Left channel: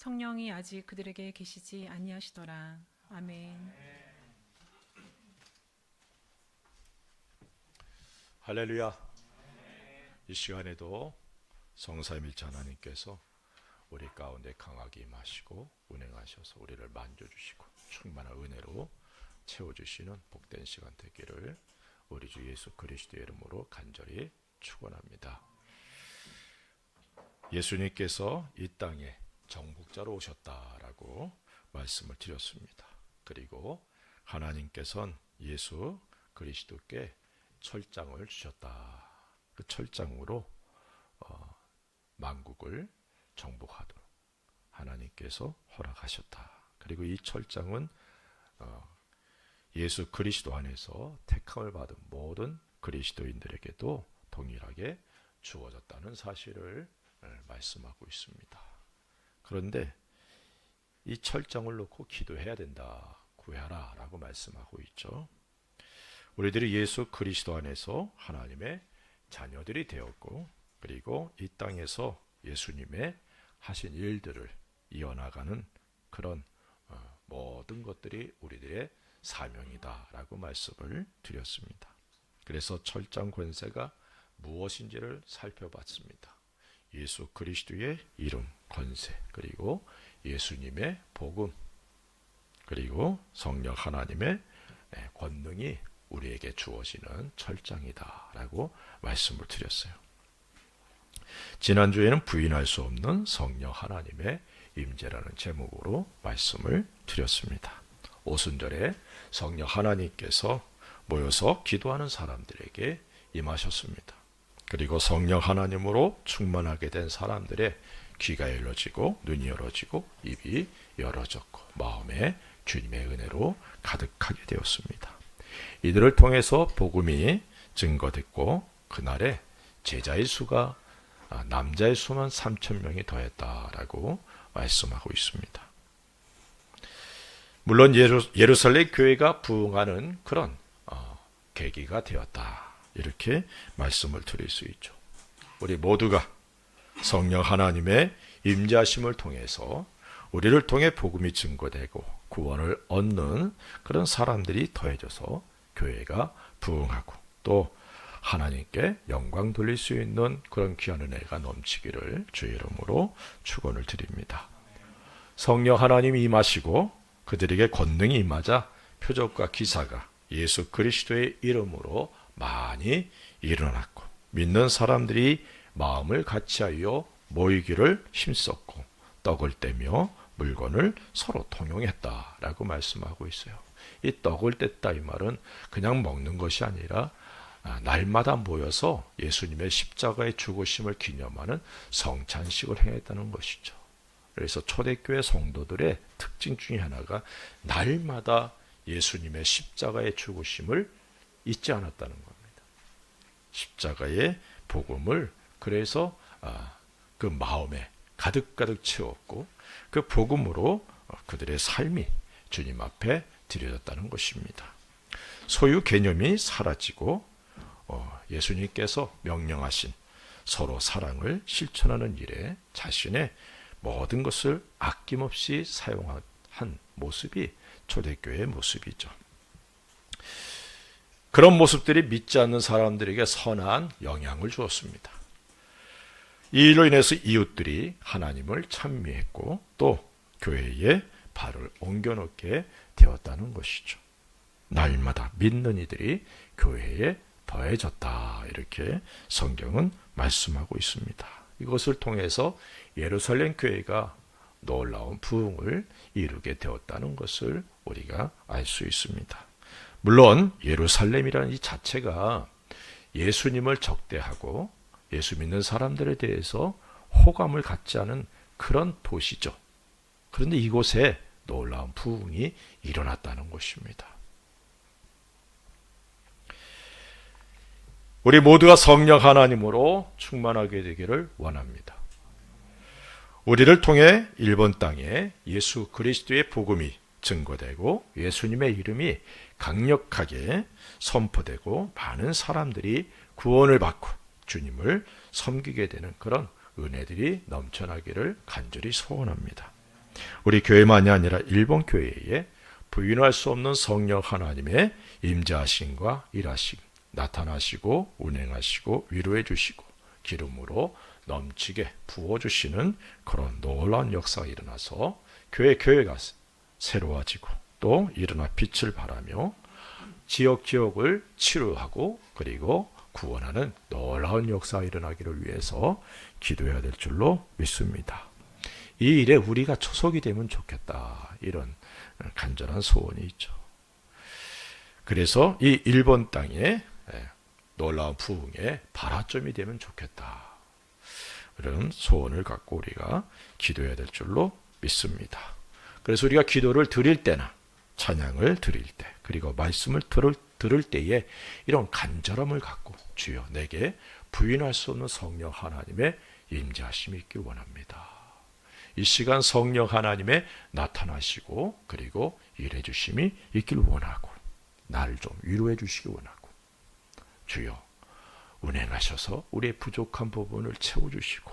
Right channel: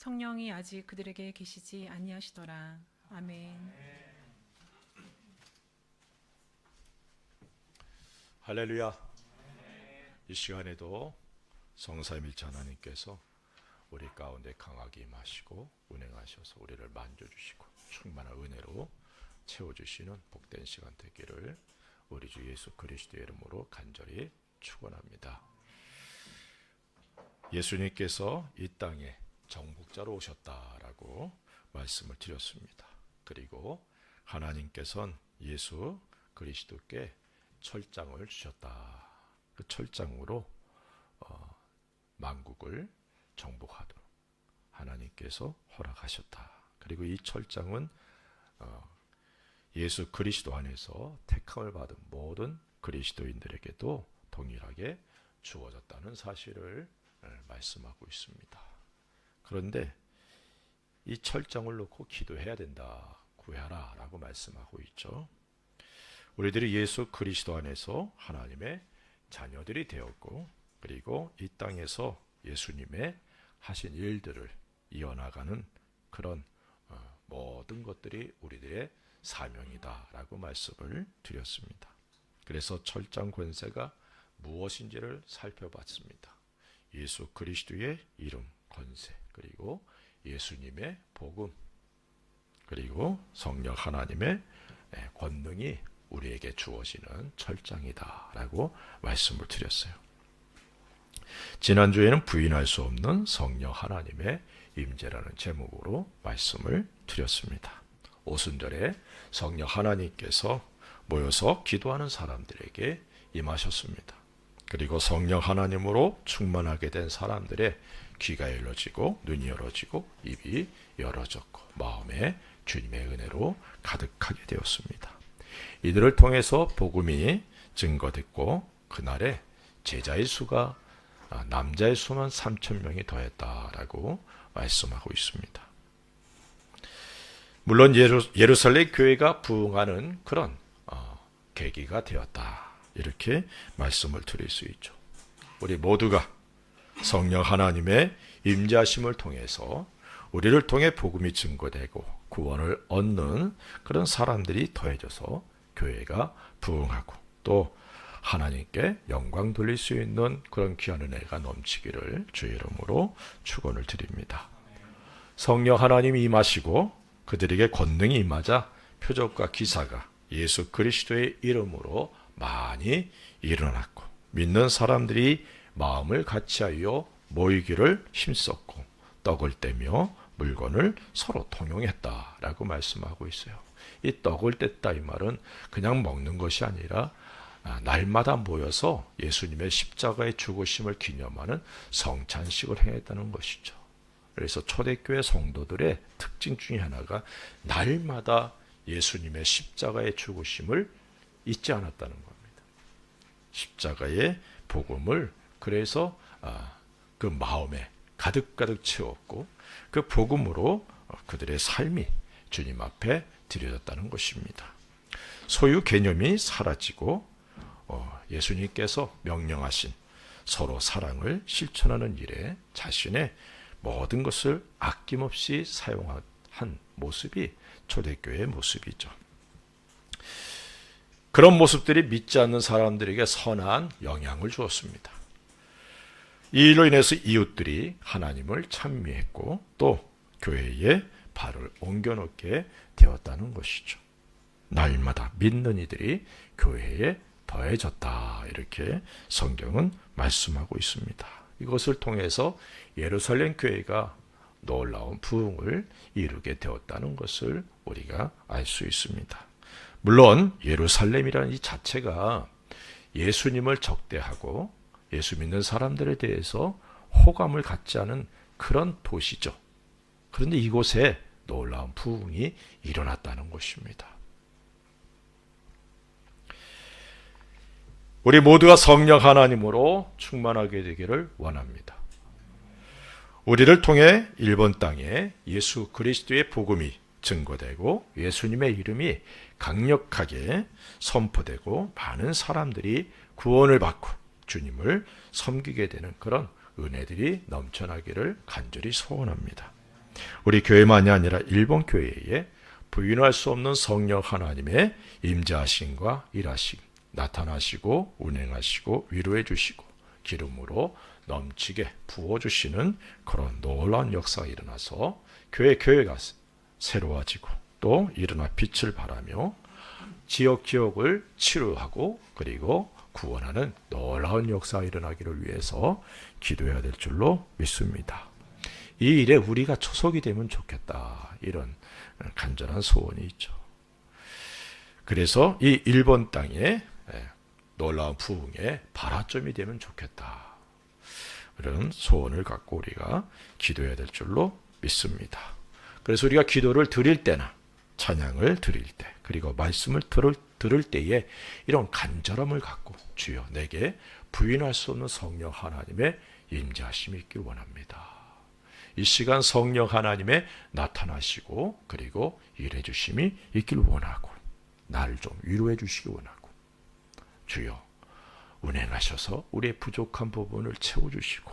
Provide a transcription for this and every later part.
성령이 아직 그들에게 계시지 아니하시더라. 아멘. 할렐루야. 이 시간에도 성삼일체 하나님께서 우리 가운데 강하게 임하시고 운행하셔서 우리를 만져주시고 충만한 은혜로 채워주시는 복된 시간 되기를 우리 주 예수 그리스도의 이름으로 간절히 축원합니다. 예수님께서 이 땅에 정복자로 오셨다라고 말씀을 드렸습니다. 그리고 하나님께서는 예수 그리스도께 철장을 주셨다. 그 철장으로 만국을 정복하도록 하나님께서 허락하셨다. 그리고 이 철장은 예수 그리스도 안에서 택함을 받은 모든 그리스도인들에게도 동일하게 주어졌다는 사실을 말씀하고 있습니다. 그런데 이 철장을 놓고 기도해야 된다. 구해라 라고 말씀하고 있죠. 우리들이 예수 그리스도 안에서 하나님의 자녀들이 되었고, 그리고 이 땅에서 예수님의 하신 일들을 이어나가는 그런 모든 것들이 우리들의 사명이다 라고 말씀을 드렸습니다. 그래서 철장 권세가 무엇인지를 살펴봤습니다. 예수 그리스도의 이름, 권세, 그리고 예수님의 복음, 그리고 성령 하나님의 권능이 우리에게 주어지는 철장이다 라고 말씀을 드렸어요. 지난주에는 부인할 수 없는 성령 하나님의 임재라는 제목으로 말씀을 드렸습니다. 오순절에 성령 하나님께서 모여서 기도하는 사람들에게 임하셨습니다. 그리고 성령 하나님으로 충만하게 된 사람들의 귀가 열려지고 눈이 열어지고 입이 열어졌고 마음에 주님의 은혜로 가득하게 되었습니다. 이들을 통해서 복음이 증거됐고 그날에 제자의 수가 남자의 수만 3,000명이 더했다라고 말씀하고 있습니다. 물론 예루살렘 교회가 부흥하는 그런 계기가 되었다. 이렇게 말씀을 드릴 수 있죠. 우리 모두가 성령 하나님의 임재하심을 통해서 우리를 통해 복음이 증거되고 구원을 얻는 그런 사람들이 더해져서 교회가 부흥하고 또 하나님께 영광 돌릴 수 있는 그런 귀한 은혜가 넘치기를 주의 이름으로 축원을 드립니다. 성령 하나님이 임하시고 그들에게 권능이 임하자 표적과 기사가 예수 그리스도의 이름으로 많이 일어났고 믿는 사람들이 마음을 같이하여 모이기를 힘썼고 떡을 떼며 물건을 서로 통용했다라고 말씀하고 있어요. 이 떡을 뗐다 이 말은 그냥 먹는 것이 아니라 날마다 모여서 예수님의 십자가의 죽으심을 기념하는 성찬식을 행했다는 것이죠. 그래서 초대교회 성도들의 특징 중에 하나가 날마다 예수님의 십자가의 죽으심을 잊지 않았다는 겁니다. 십자가의 복음을 그래서 그 마음에 가득가득 채웠고 그 복음으로 그들의 삶이 주님 앞에 드려졌다는 것입니다. 소유 개념이 사라지고 예수님께서 명령하신 서로 사랑을 실천하는 일에 자신의 모든 것을 아낌없이 사용한 모습이 초대교회의 모습이죠. 그런 모습들이 믿지 않는 사람들에게 선한 영향을 주었습니다. 이 일로 인해서 이웃들이 하나님을 찬미했고 또 교회에 발을 옮겨놓게 되었다는 것이죠. 날마다 믿는 이들이 교회에 더해졌다. 이렇게 성경은 말씀하고 있습니다. 이것을 통해서 예루살렘 교회가 놀라운 부흥을 이루게 되었다는 것을 우리가 알 수 있습니다. 물론 예루살렘이라는 이 자체가 예수님을 적대하고 예수 믿는 사람들에 대해서 호감을 갖지 않은 그런 도시죠. 그런데 이곳에 놀라운 부흥이 일어났다는 것입니다. 우리 모두가 성령 하나님으로 충만하게 되기를 원합니다. 우리를 통해 일본 땅에 예수 그리스도의 복음이 증거되고 예수님의 이름이 강력하게 선포되고 많은 사람들이 구원을 받고 주님을 섬기게 되는 그런 은혜들이 넘쳐나기를 간절히 소원합니다. 우리 교회만이 아니라 일본 교회에 부인할 수 없는 성령 하나님의 임재하심과 일하심, 나타나시고 운행하시고 위로해 주시고 기름으로 넘치게 부어주시는 그런 놀라운 역사가 일어나서 교회가 새로워지고 또 일어나 빛을 발하며 지역을 치유하고 그리고 구원하는 놀라운 역사가 일어나기를 위해서 기도해야 될 줄로 믿습니다. 이 일에 우리가 초석이 되면 좋겠다, 이런 간절한 소원이 있죠. 그래서 이 일본 땅에 놀라운 부흥의 발화점이 되면 좋겠다, 이런 소원을 갖고 우리가 기도해야 될 줄로 믿습니다. 그래서 우리가 기도를 드릴 때나 찬양을 드릴 때 그리고 말씀을 들을 때에 이런 간절함을 갖고 주여 내게 부인할 수 없는 성령 하나님의 임재하심이 있길 원합니다. 이 시간 성령 하나님의 나타나시고 그리고 일해 주심이 있길 원하고 나를 좀 위로해 주시기 원하고 주여 운행하셔서 우리의 부족한 부분을 채워주시고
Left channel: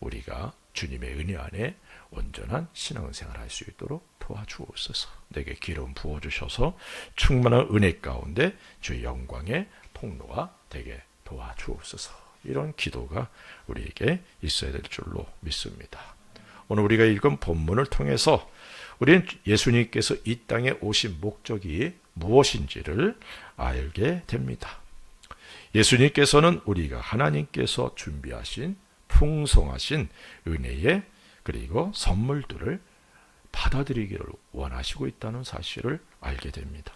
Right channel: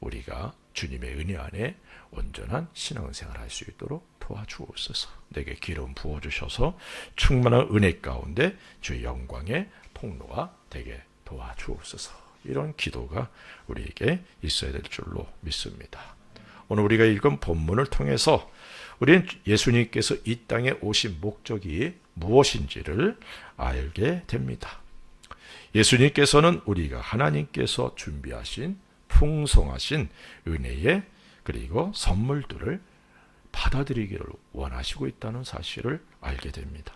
우리가 주님의 은혜 안에 온전한 신앙생활을 할 수 있도록 도와주옵소서. 내게 기름 부어주셔서 충만한 은혜 가운데 주의 영광의 통로가 되게 도와주옵소서. 이런 기도가 우리에게 있어야 될 줄로 믿습니다. 오늘 우리가 읽은 본문을 통해서 우리는 예수님께서 이 땅에 오신 목적이 무엇인지를 알게 됩니다. 예수님께서는 우리가 하나님께서 준비하신 풍성하신 은혜의 그리고 선물들을 받아들이기를 원하시고 있다는 사실을 알게 됩니다.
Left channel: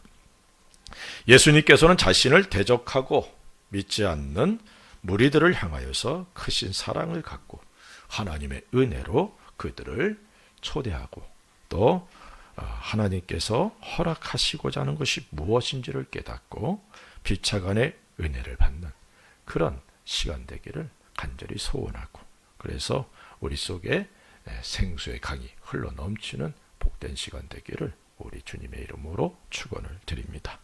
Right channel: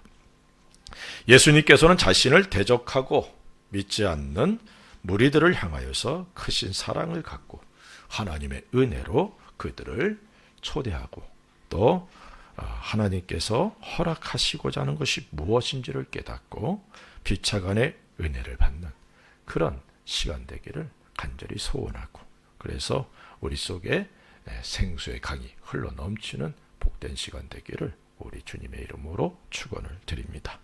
예수님께서는 자신을 대적하고 믿지 않는 무리들을 향하여서 크신 사랑을 갖고 하나님의 은혜로 그들을 초대하고 또 하나님께서 허락하시고자 하는 것이 무엇인지를 깨닫고 비차간의 은혜를 받는 그런 시간 되기를 간절히 소원하고 그래서 우리 속에 생수의 강이 흘러넘치는 복된 시간 되기를 우리 주님의 이름으로 축원을 드립니다.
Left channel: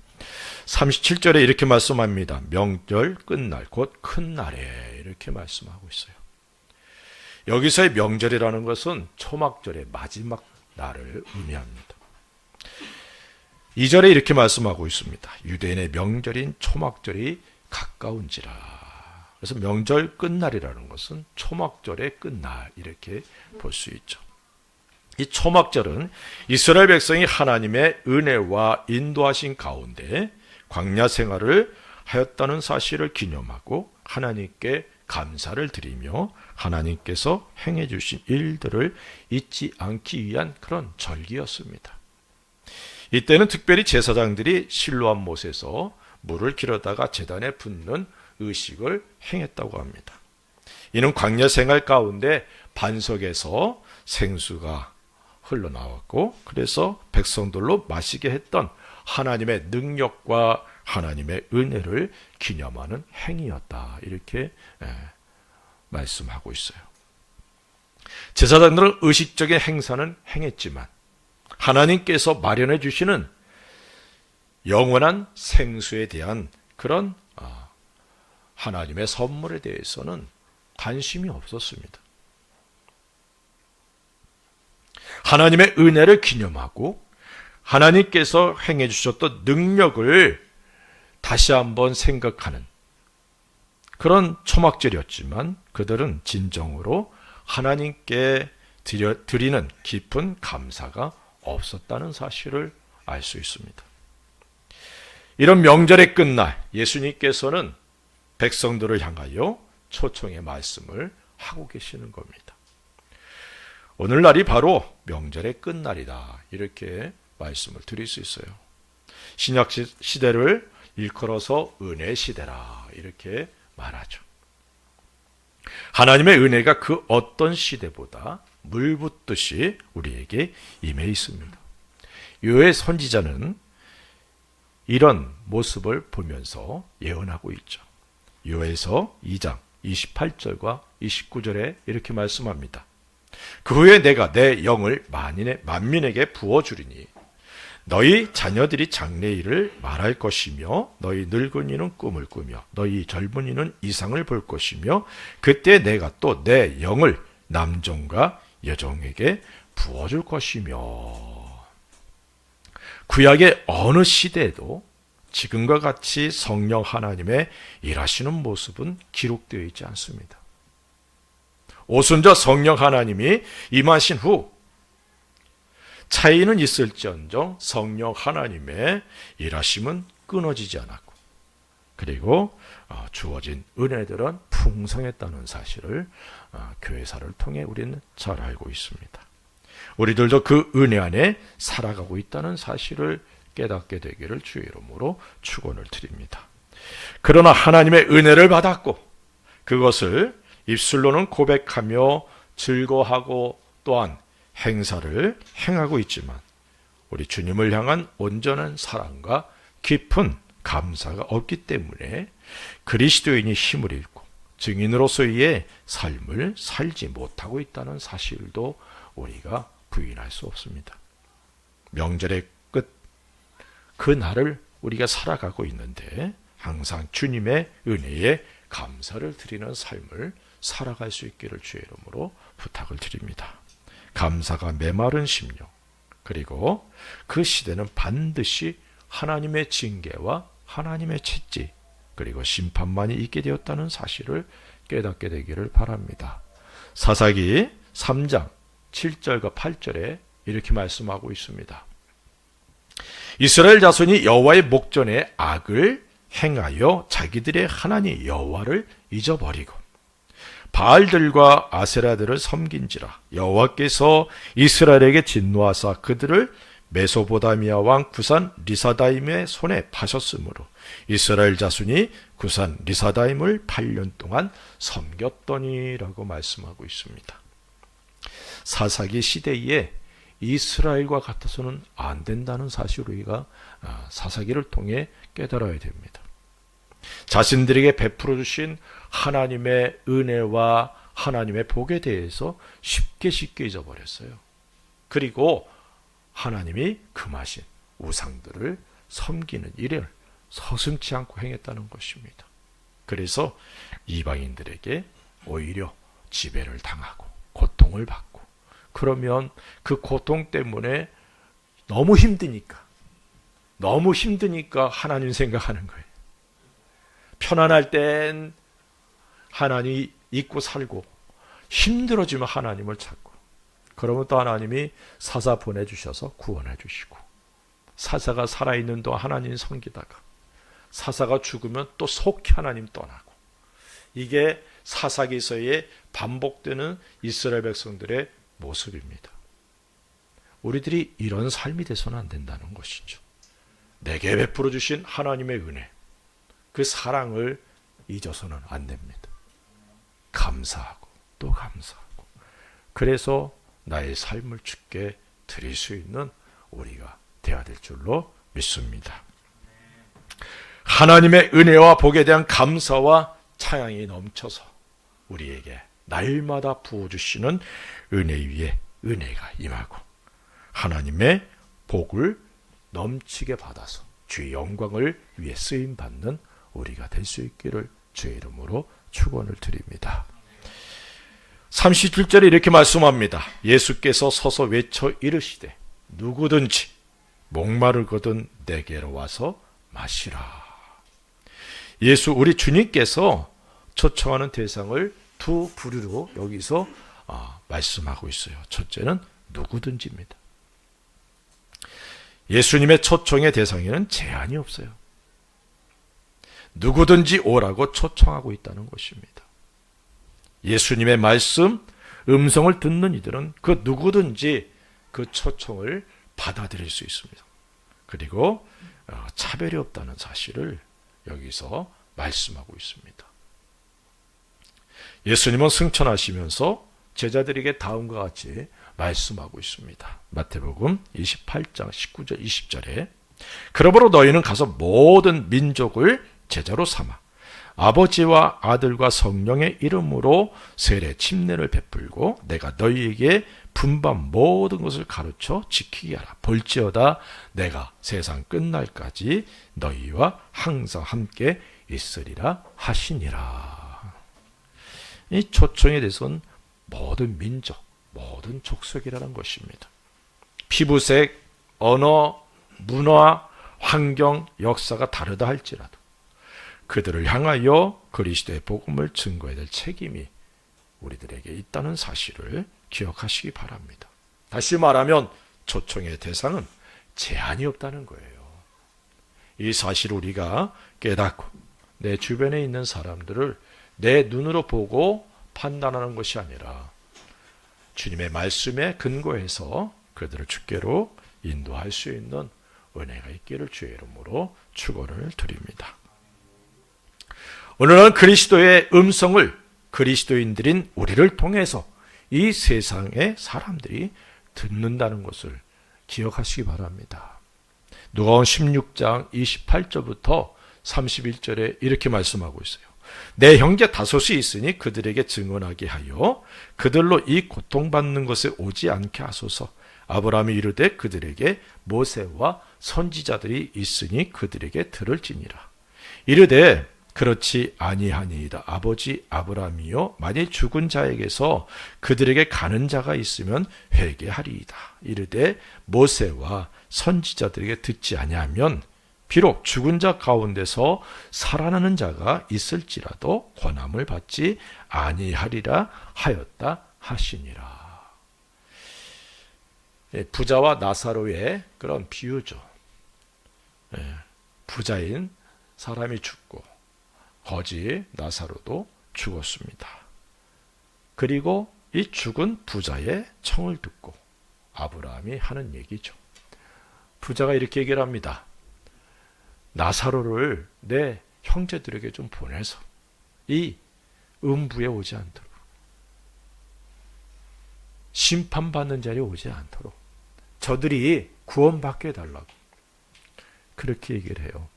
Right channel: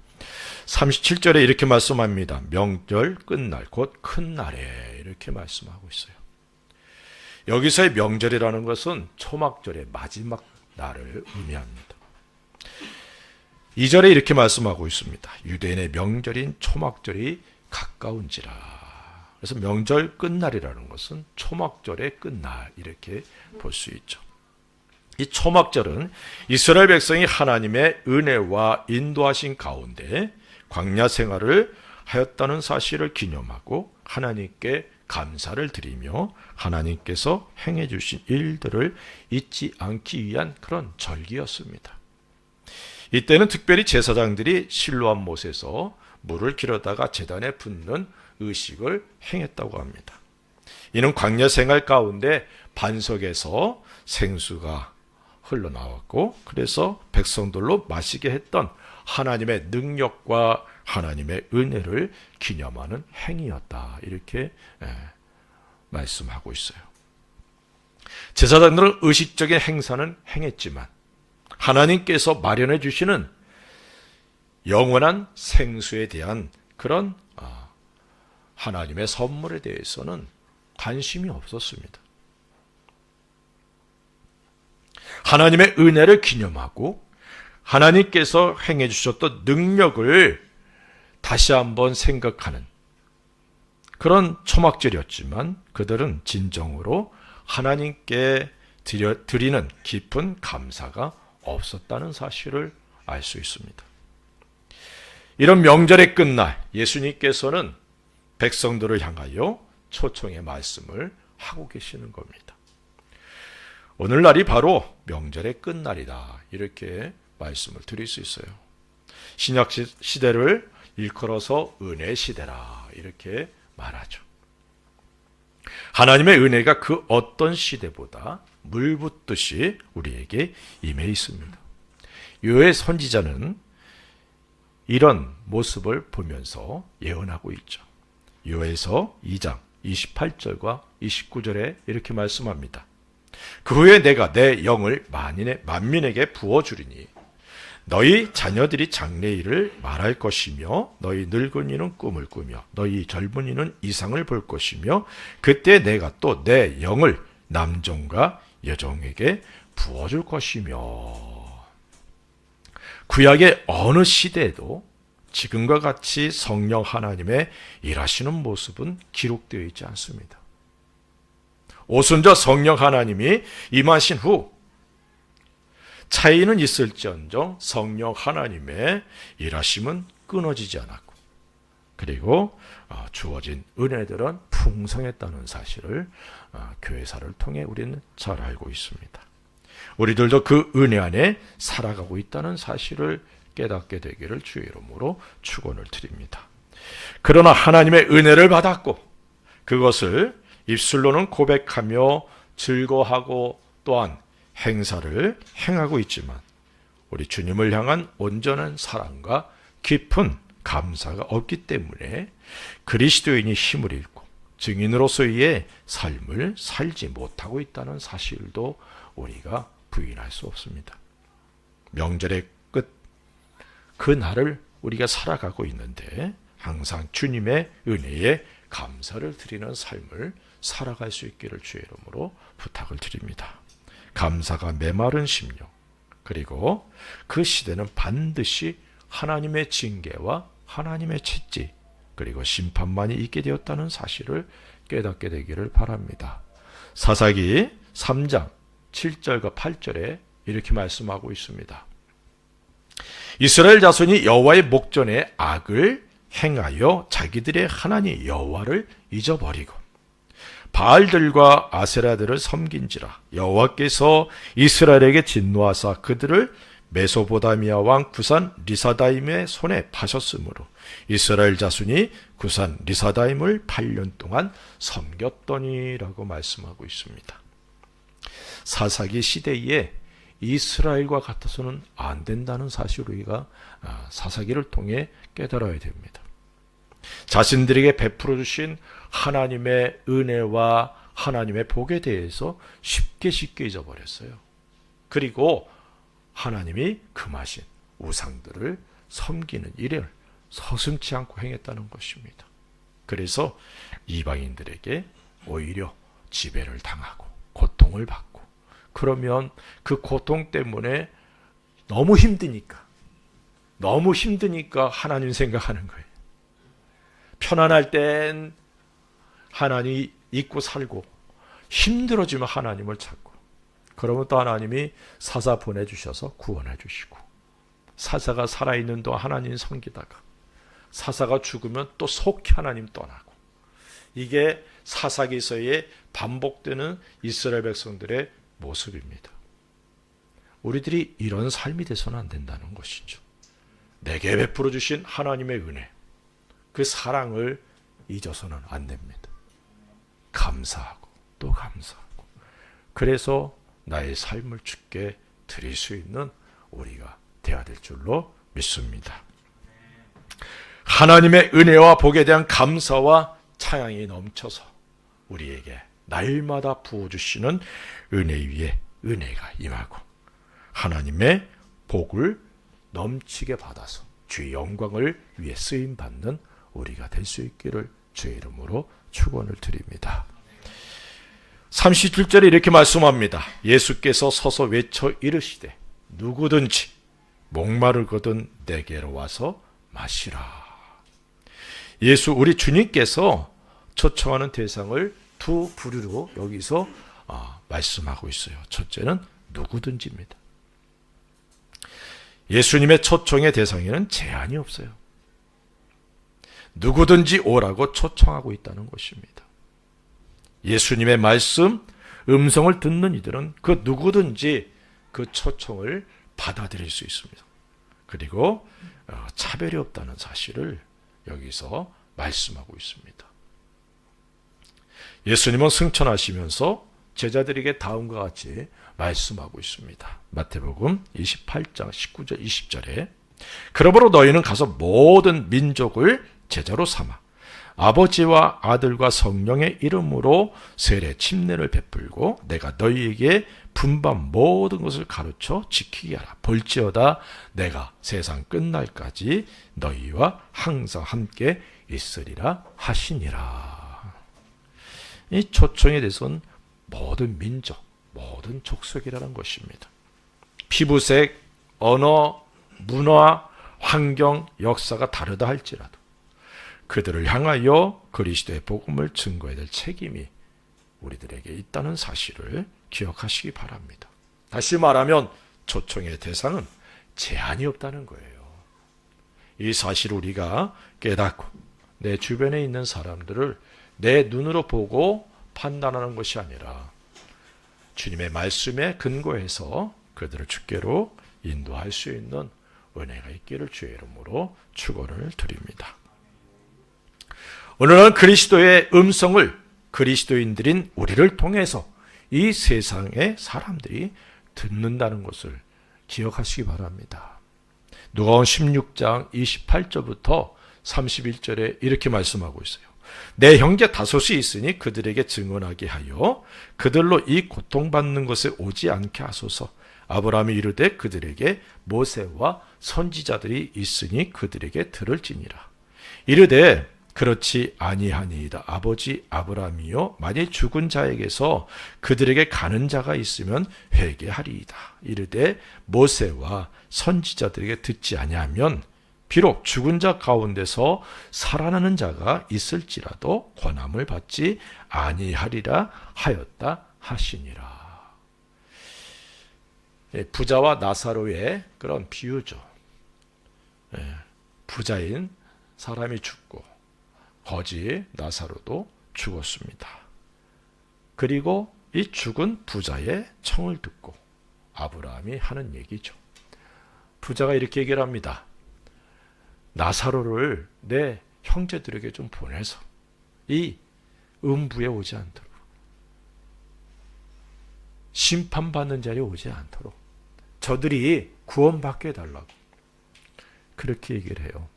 37절에 이렇게 말씀합니다. 명절 끝날 곧 큰 날에 이렇게 말씀하고 있어요. 여기서의 명절이라는 것은 초막절의 마지막 날을 의미합니다. 2절에 이렇게 말씀하고 있습니다. 유대인의 명절인 초막절이 가까운지라. 그래서 명절 끝날이라는 것은 초막절의 끝날 이렇게 볼 수 있죠. 이 초막절은 이스라엘 백성이 하나님의 은혜와 인도하신 가운데 광야 생활을 하였다는 사실을 기념하고 하나님께 감사를 드리며 하나님께서 행해 주신 일들을 잊지 않기 위한 그런 절기였습니다. 이때는 특별히 제사장들이 실로암 못에서 물을 길어다가 제단에 붓는 의식을 행했다고 합니다. 이는 광야 생활 가운데 반석에서 생수가 흘러나왔고 그래서 백성들로 마시게 했던 하나님의 능력과 하나님의 은혜를 기념하는 행위였다. 이렇게 말씀하고 있어요. 제사장들은 의식적인 행사는 행했지만 하나님께서 마련해 주시는 영원한 생수에 대한 그런 하나님의 선물에 대해서는 관심이 없었습니다. 하나님의 은혜를 기념하고 하나님께서 행해 주셨던 능력을 다시 한번 생각하는 그런 초막절이었지만 그들은 진정으로 하나님께 드리는 깊은 감사가 없었다는 사실을 알 수 있습니다. 이런 명절의 끝날 예수님께서는 백성들을 향하여 초청의 말씀을 하고 계시는 겁니다. 오늘날이 바로 명절의 끝날이다. 이렇게 말씀을 드릴 수 있어요. 신약 시대를 일컬어서 은혜 시대라. 이렇게 말하죠. 하나님의 은혜가 그 어떤 시대보다 물 붓듯이 우리에게 임해 있습니다. 요엘 선지자는 이런 모습을 보면서 예언하고 있죠. 요엘서 2장 28절과 29절에 이렇게 말씀합니다. 그 후에 내가 내 영을 만민에게 부어주리니 너희 자녀들이 장래일을 말할 것이며 너희 늙은이는 꿈을 꾸며 너희 젊은이는 이상을 볼 것이며 그때 내가 또 내 영을 남종과 여종에게 부어줄 것이며, 구약의 어느 시대에도 지금과 같이 성령 하나님의 일하시는 모습은 기록되어 있지 않습니다. 오순절 성령 하나님이 임하신 후 차이는 있을지언정 성령 하나님의 일하심은 끊어지지 않았고, 그리고 주어진 은혜들은 풍성했다는 사실을 교회사를 통해 우리는 잘 알고 있습니다. 우리들도 그 은혜 안에 살아가고 있다는 사실을 깨닫게 되기를 주의 이름으로 축원을 드립니다. 그러나 하나님의 은혜를 받았고 그것을 입술로는 고백하며 즐거워하고 또한 행사를 행하고 있지만 우리 주님을 향한 온전한 사랑과 깊은 감사가 없기 때문에 그리스도인이 힘을 잃고 증인으로서의 삶을 살지 못하고 있다는 사실도 우리가 부인할 수 없습니다. 명절의 끝, 그 날을 우리가 살아가고 있는데 항상 주님의 은혜에 감사를 드리는 삶을 살아갈 수 있기를 주의 이름으로 부탁을 드립니다. 감사가 메마른 심령, 그리고 그 시대는 반드시 하나님의 징계와 하나님의 채찍, 그리고 심판만이 있게 되었다는 사실을 깨닫게 되기를 바랍니다. 사사기 3장 7절과 8절에 이렇게 말씀하고 있습니다. 이스라엘 자손이 여호와의 목전에 악을 행하여 자기들의 하나님 여호와를 잊어버리고 바알들과 아세라들을 섬긴지라. 여호와께서 이스라엘에게 진노하사 그들을 메소보다미아 왕 구산 리사다임의 손에 파셨으므로 이스라엘 자손이 구산 리사다임을 8년 동안 섬겼더니라고 말씀하고 있습니다. 사사기 시대에 이스라엘과 같아서는 안 된다는 사실을 우리가 사사기를 통해 깨달아야 됩니다. 자신들에게 베풀어 주신 하나님의 은혜와 하나님의 복에 대해서 쉽게 잊어버렸어요. 그리고 하나님이 금하신 우상들을 섬기는 일을 서슴지 않고 행했다는 것입니다. 그래서 이방인들에게 오히려 지배를 당하고 고통을 받고, 그러면 그 고통 때문에 너무 힘드니까 하나님 생각하는 거예요. 편안할 땐 하나님 잊고 살고, 힘들어지면 하나님을 찾고, 그러면 또 하나님이 사사 보내주셔서 구원해 주시고, 사사가 살아있는 동안 하나님 섬기다가 사사가 죽으면 또 속히 하나님 떠나고, 이게 사사기서에 반복되는 이스라엘 백성들의 모습입니다. 우리들이 이런 삶이 돼서는 안 된다는 것이죠. 내게 베풀어 주신 하나님의 은혜, 그 사랑을 잊어서는 안 됩니다. 감사하고 또 감사하고, 그래서 나의 삶을 주께 드릴 수 있는 우리가 되어야 될 줄로 믿습니다. 하나님의 은혜와 복에 대한 감사와 찬양이 넘쳐서 우리에게 날마다 부어주시는 은혜 위에 은혜가 임하고 하나님의 복을 넘치게 받아서 주의 영광을 위해 쓰임받는 우리가 될 수 있기를 주의 이름으로 축원을 드립니다. 37절에 이렇게 말씀합니다. 예수께서 서서 외쳐 이르시되 누구든지 목마르거든 내게로 와서 마시라. 예수 우리 주님께서 초청하는 대상을 두 부류로 여기서 말씀하고 있어요. 첫째는 누구든지입니다. 예수님의 초청의 대상에는 제한이 없어요. 누구든지 오라고 초청하고 있다는 것입니다. 예수님의 말씀, 음성을 듣는 이들은 그 누구든지 그 초청을 받아들일 수 있습니다. 그리고 차별이 없다는 사실을 여기서 말씀하고 있습니다. 예수님은 승천하시면서 제자들에게 다음과 같이 말씀하고 있습니다. 마태복음 28장 19절 20절에 그러므로 너희는 가서 모든 민족을 제자로 삼아 아버지와 아들과 성령의 이름으로 세례 침례를 베풀고 내가 너희에게 분반 모든 것을 가르쳐 지키게 하라. 볼지어다 내가 세상 끝날까지 너희와 항상 함께 있으리라 하시니라. 이 초청에 대해서는 모든 민족, 모든 족속이라는 것입니다. 피부색, 언어, 문화, 환경, 역사가 다르다 할지라도 그들을 향하여 그리스도의 복음을 증거해야 될 책임이 우리들에게 있다는 사실을 기억하시기 바랍니다. 다시 말하면 초청의 대상은 제한이 없다는 거예요. 이 사실을 우리가 깨닫고 내 주변에 있는 사람들을 내 눈으로 보고 판단하는 것이 아니라 주님의 말씀에 근거해서 그들을 주께로 인도할 수 있는 은혜가 있기를 주의 이름으로 축원을 드립니다. 오늘은 그리스도의 음성을 그리스도인들인 우리를 통해서 이 세상의 사람들이 듣는다는 것을 기억하시기 바랍니다. 누가복음 16장 28절부터 31절에 이렇게 말씀하고 있어요. 내 형제 다섯이 있으니 그들에게 증언하게 하여 그들로 이 고통받는 것에 오지 않게 하소서. 아브라함이 이르되 그들에게 모세와 선지자들이 있으니 그들에게 들을지니라. 이르되 그렇지 아니하니이다. 아버지 아브라함이요 만일 죽은 자에게서 그들에게 가는 자가 있으면 회개하리이다. 이르되 모세와 선지자들에게 듣지 아니하면 비록 죽은 자 가운데서 살아나는 자가 있을지라도 권함을 받지 아니하리라 하였다 하시니라. 부자와 나사로의 그런 비유죠. 부자인 사람이 죽고 거지 나사로도 죽었습니다. 그리고 이 죽은 부자의 청을 듣고 아브라함이 하는 얘기죠. 부자가 이렇게 얘기를 합니다. 나사로를 내 형제들에게 좀 보내서 이 음부에 오지 않도록, 심판받는 자리에 오지 않도록 저들이 구원받게 해달라고 그렇게 얘기를 해요.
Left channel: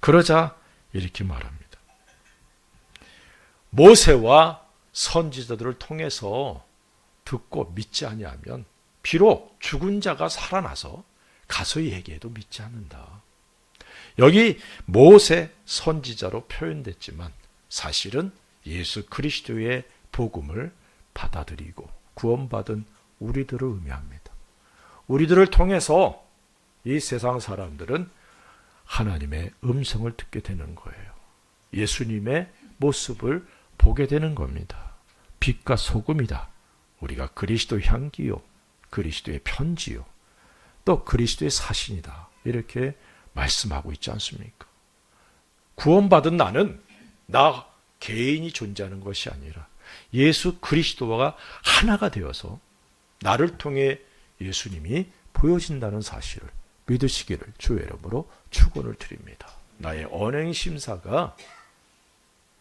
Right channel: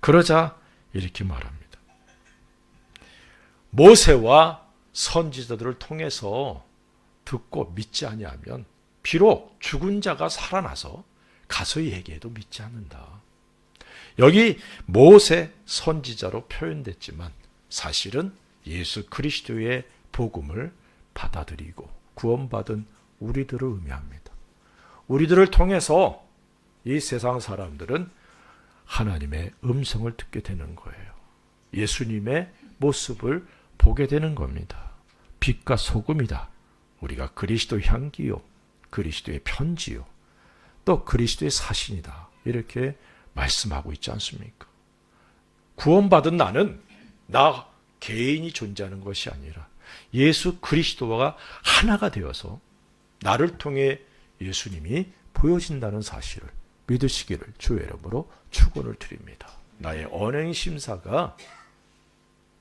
그러자 이렇게 말합니다. 모세와 선지자들을 통해서 듣고 믿지 아니하면 비록 죽은 자가 살아나서 가서 얘기해도 믿지 않는다. 여기 모세 선지자로 표현됐지만 사실은 예수 그리스도의 복음을 받아들이고 구원받은 우리들을 의미합니다. 우리들을 통해서 이 세상 사람들은 하나님의 음성을 듣게 되는 거예요. 예수님의 모습을 보게 되는 겁니다. 빛과 소금이다. 우리가 그리스도 향기요, 그리스도의 편지요, 또 그리스도의 사신이다. 이렇게 말씀하고 있지 않습니까? 구원받은 나는 나 개인이 존재하는 것이 아니라 예수 그리스도와 하나가 되어서 나를 통해 예수님이 보여진다는 사실을 믿으시기를 주의 이름으로 축원을 드립니다. 나의 언행 심사가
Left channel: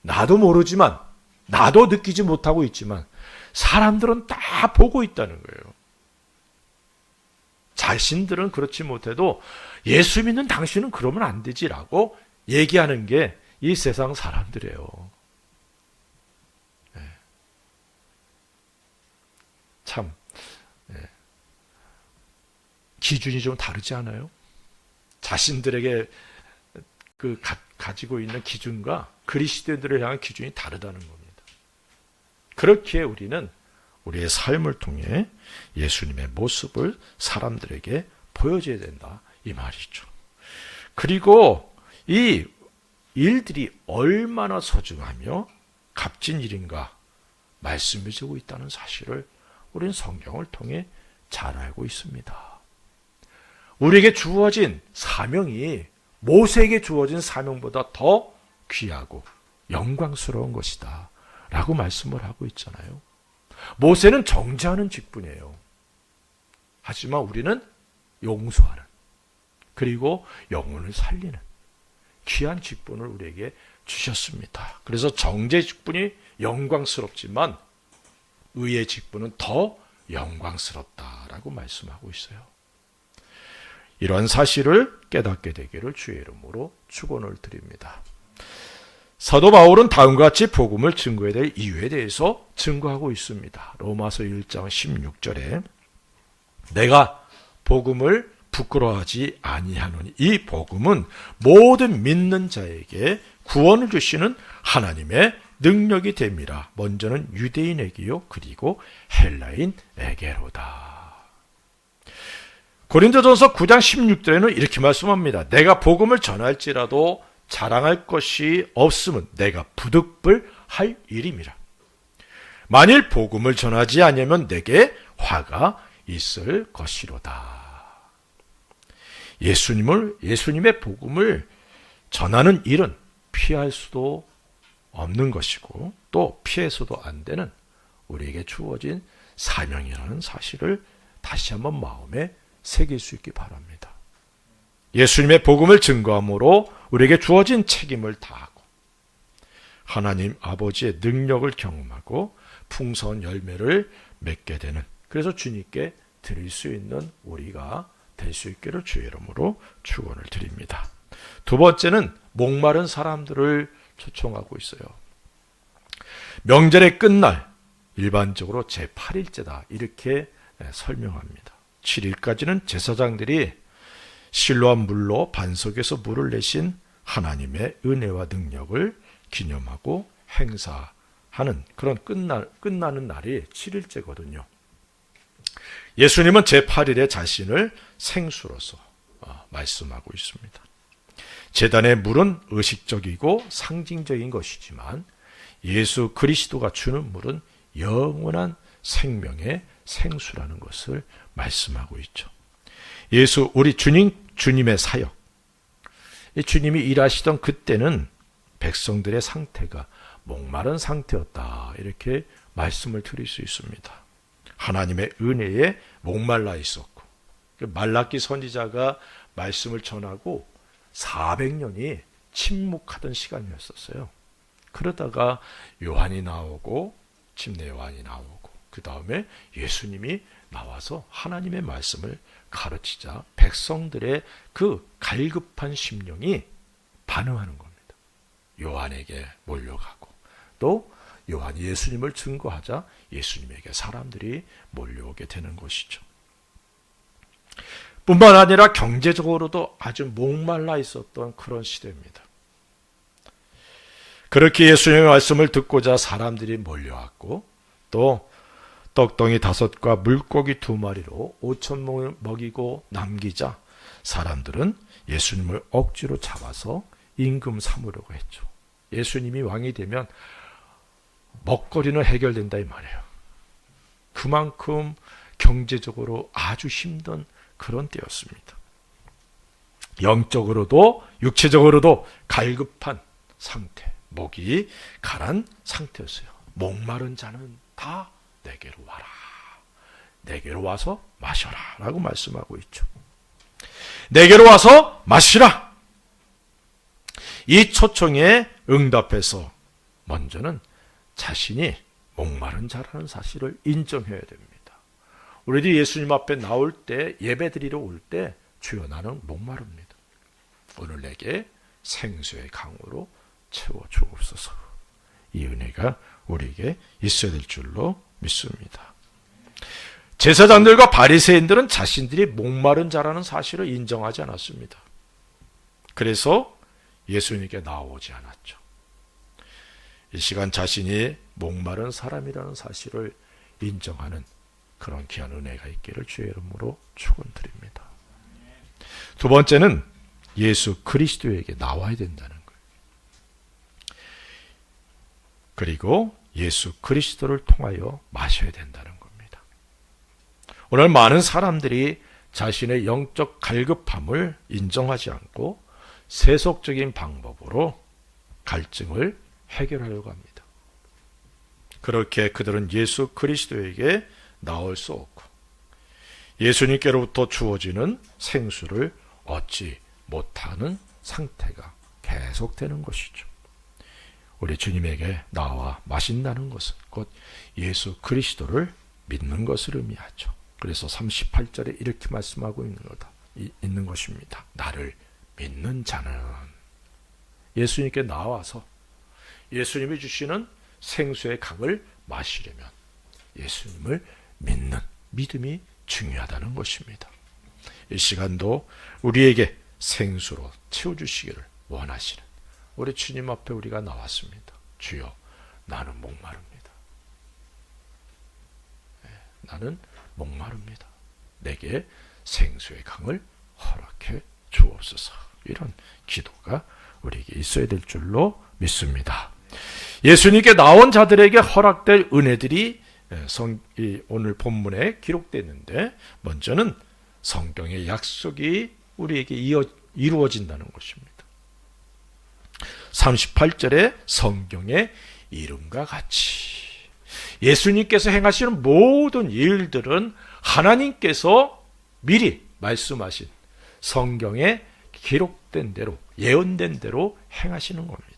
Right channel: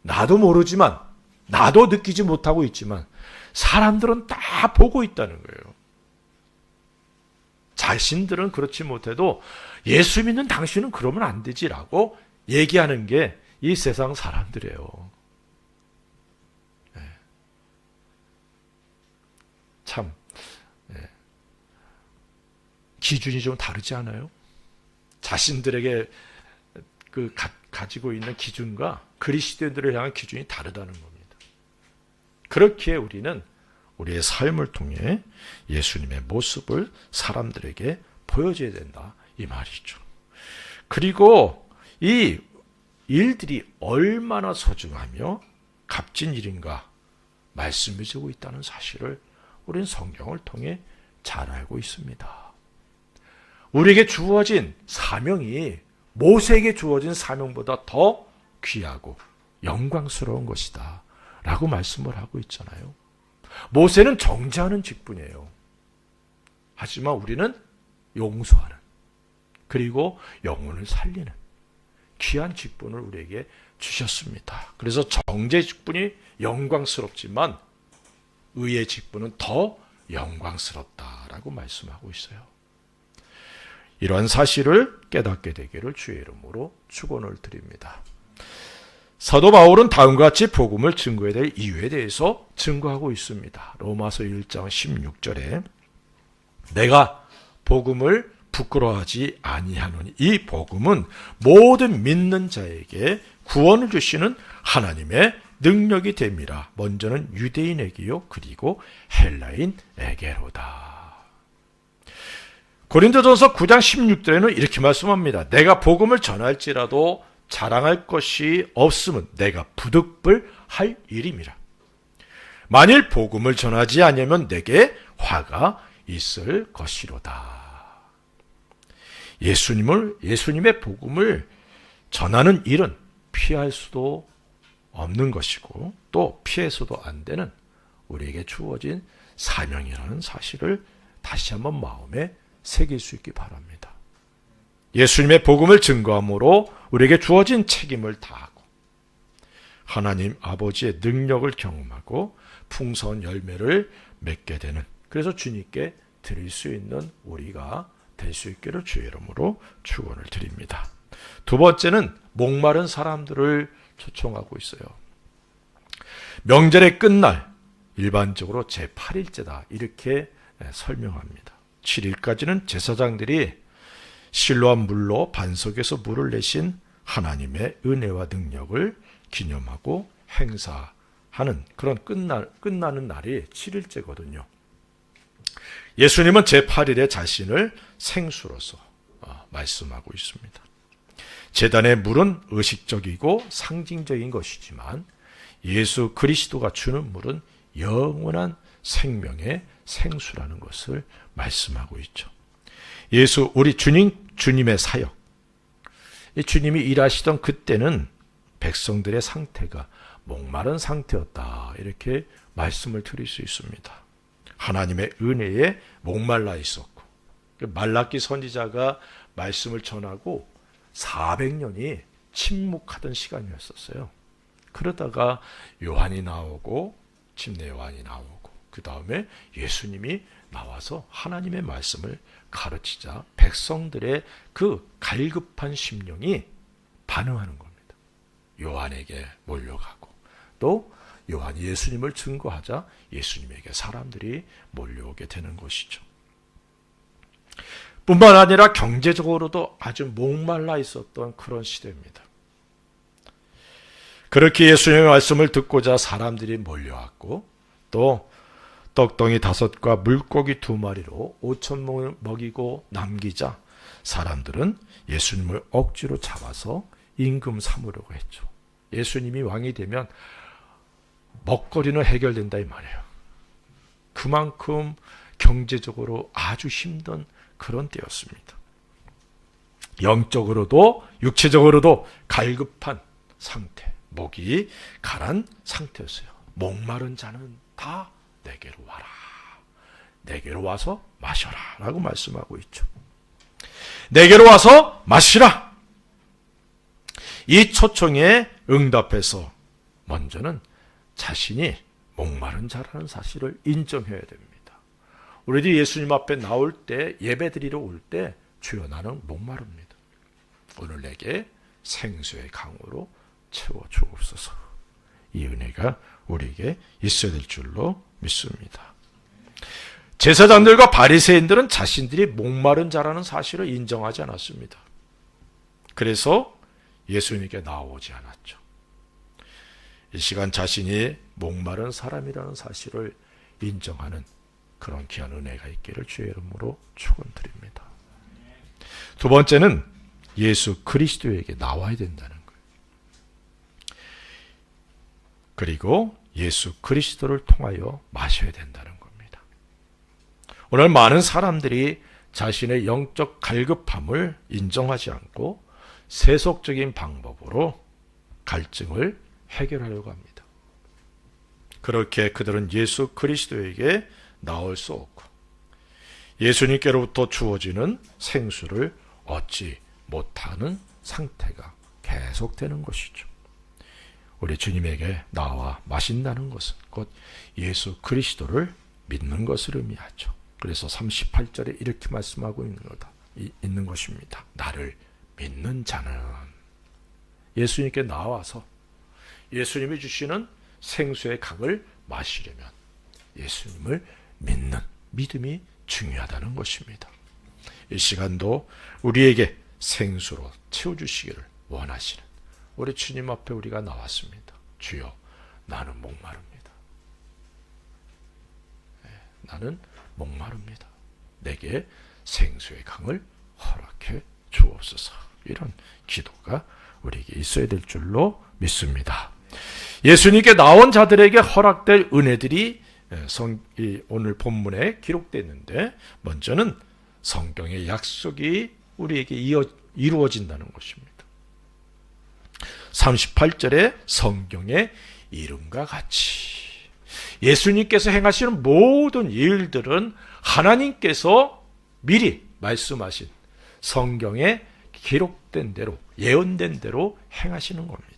나도 모르지만 나도 느끼지 못하고 있지만 사람들은 다 보고 있다는 거예요. 자신들은 그렇지 못해도 예수 믿는 당신은 그러면 안 되지라고 얘기하는 게 이 세상 사람들이에요. 참 기준이 좀 다르지 않아요? 자신들에게 가지고 있는 기준과 그리스도인들을 향한 기준이 다르다는 겁니다. 그렇기에 우리는 우리의 삶을 통해 예수님의 모습을 사람들에게 보여줘야 된다 이 말이죠. 그리고 이 일들이 얼마나 소중하며 값진 일인가 말씀이 주고 있다는 사실을 우리는 성경을 통해 잘 알고 있습니다. 우리에게 주어진 사명이 모세에게 주어진 사명보다 더 귀하고 영광스러운 것이다 라고 말씀을 하고 있잖아요. 모세는 정죄하는 직분이에요. 하지만 우리는 용서하는, 그리고 영혼을 살리는 귀한 직분을 우리에게 주셨습니다. 그래서 정죄 직분이 영광스럽지만 의의 직분은 더 영광스럽다라고 말씀하고 있어요. 이러한 사실을 깨닫게 되기를 주의 이름으로 축원을 드립니다. 사도 바울은 다음과 같이 복음을 증거해야 될 이유에 대해서 증거하고 있습니다. 로마서 1장 16절에 내가 복음을 부끄러워하지 아니하노니 이 복음은 모든 믿는 자에게 구원을 주시는 하나님의 능력이 됨이라. 먼저는 유대인에게요 그리고 헬라인에게로다. 고린도전서 9장 16절에는 이렇게 말씀합니다. 내가 복음을 전할지라도 자랑할 것이 없으면 내가 부득불할 일임이라. 만일 복음을 전하지 아니하면 내게 화가 있을 것이로다. 예수님의 복음을 전하는 일은 피할 수도 없는 것이고 또 피해서도 안 되는 우리에게 주어진 사명이라는 사실을 다시 한번 마음에 새길 수 있기 바랍니다. 예수님의 복음을 증거함으로 우리에게 주어진 책임을 다하고 하나님 아버지의 능력을 경험하고 풍성한 열매를 맺게 되는, 그래서 주님께 드릴 수 있는 우리가 될 수 있기를 주의 이름으로 축원을 드립니다. 두 번째는 목마른 사람들을 초청하고 있어요. 명절의 끝날, 일반적으로 제8일째다 이렇게 설명합니다. 7일까지는 제사장들이 실로암 물로 반석에서 물을 내신 하나님의 은혜와 능력을 기념하고 행사하는 그런 끝나는 날이 7일째거든요. 예수님은 제8일에 자신을 생수로서 말씀하고 있습니다. 제단의 물은 의식적이고 상징적인 것이지만 예수 그리스도가 주는 물은 영원한 생명의 생수라는 것을 말씀하고 있죠. 우리 주님의 사역, 주님이 일하시던 그때는 백성들의 상태가 목마른 상태였다 이렇게 말씀을 드릴 수 있습니다. 하나님의 은혜에 목말라 있었고 말라기 선지자가 말씀을 전하고 400년이 침묵하던 시간이었었어요. 그러다가 요한이 나오고 침례 요한이 나오고 그 다음에 예수님이 나와서 하나님의 말씀을 가르치자 백성들의 그 갈급한 심령이 반응하는 겁니다. 요한에게 몰려가고 또 요한이 예수님을 증거하자 예수님에게 사람들이 몰려오게 되는 것이죠. 뿐만 아니라 경제적으로도 아주 목말라 있었던 그런 시대입니다. 그렇게 예수님의 말씀을 듣고자 사람들이 몰려왔고 또 떡덩이 5과 물고기 2마리로 5,000명을 먹이고 남기자 사람들은 예수님을 억지로 잡아서 임금 삼으려고 했죠. 예수님이 왕이 되면 먹거리는 해결된다 이 말이에요. 그만큼 경제적으로 아주 힘든 그런 때였습니다. 영적으로도 육체적으로도 갈급한 상태, 목이 가란 상태였어요. 목마른 자는 다 내게로 와라. 내게로 와서 마셔라 라고 말씀하고 있죠. 내게로 와서 마시라. 이 초청에 응답해서 먼저는 자신이 목마른 자라는 사실을 인정해야 됩니다. 우리들이 예수님 앞에 나올 때 예배드리러 올 때 주여 나는 목마릅니다. 오늘 내게 생수의 강으로 채워주옵소서. 이 은혜가 우리에게 있어야 될 줄로 믿습니다. 제사장들과 바리새인들은 자신들이 목마른 자라는 사실을 인정하지 않았습니다. 그래서 예수님께 나오지 않았죠. 이 시간 자신이 목마른 사람이라는 사실을 인정하는 그런 귀한 은혜가 있기를 주의 이름으로 축원드립니다. 두 번째는 예수 그리스도에게 나와야 된다는 거예요. 그리고 예수 그리스도를 통하여 마셔야 된다는 겁니다. 오늘 많은 사람들이 자신의 영적 갈급함을 인정하지 않고 세속적인 방법으로 갈증을 해결하려고 합니다. 그렇게 그들은 예수 그리스도에게 나올 수 없고 예수님께로부터 주어지는 생수를 얻지 못하는 상태가 계속되는 것이죠. 우리 주님에게 나와 마신다는 것은 곧 예수 그리스도를 믿는 것을 의미하죠. 그래서 38절에 이렇게 말씀하고 있는 것입니다. 나를 믿는 자는 예수님께 나와서 예수님이 주시는 생수의 강을 마시려면 예수님을 믿는 믿음이 중요하다는 것입니다. 이 시간도 우리에게 생수로 채워주시기를 원하시는 우리 주님 앞에 우리가 나왔습니다. 주여 나는 목마릅니다. 나는 목마릅니다. 내게 생수의 강을 허락해 주옵소서. 이런 기도가 우리에게 있어야 될 줄로 믿습니다. 예수님께 나온 자들에게 허락될 은혜들이 오늘 본문에 기록되는데, 먼저는 성경의 약속이 우리에게 이루어진다는 것입니다. 38절에 성경의 이름과 같이, 예수님께서 행하시는 모든 일들은 하나님께서 미리 말씀하신 성경에 기록된 대로, 예언된 대로 행하시는 겁니다.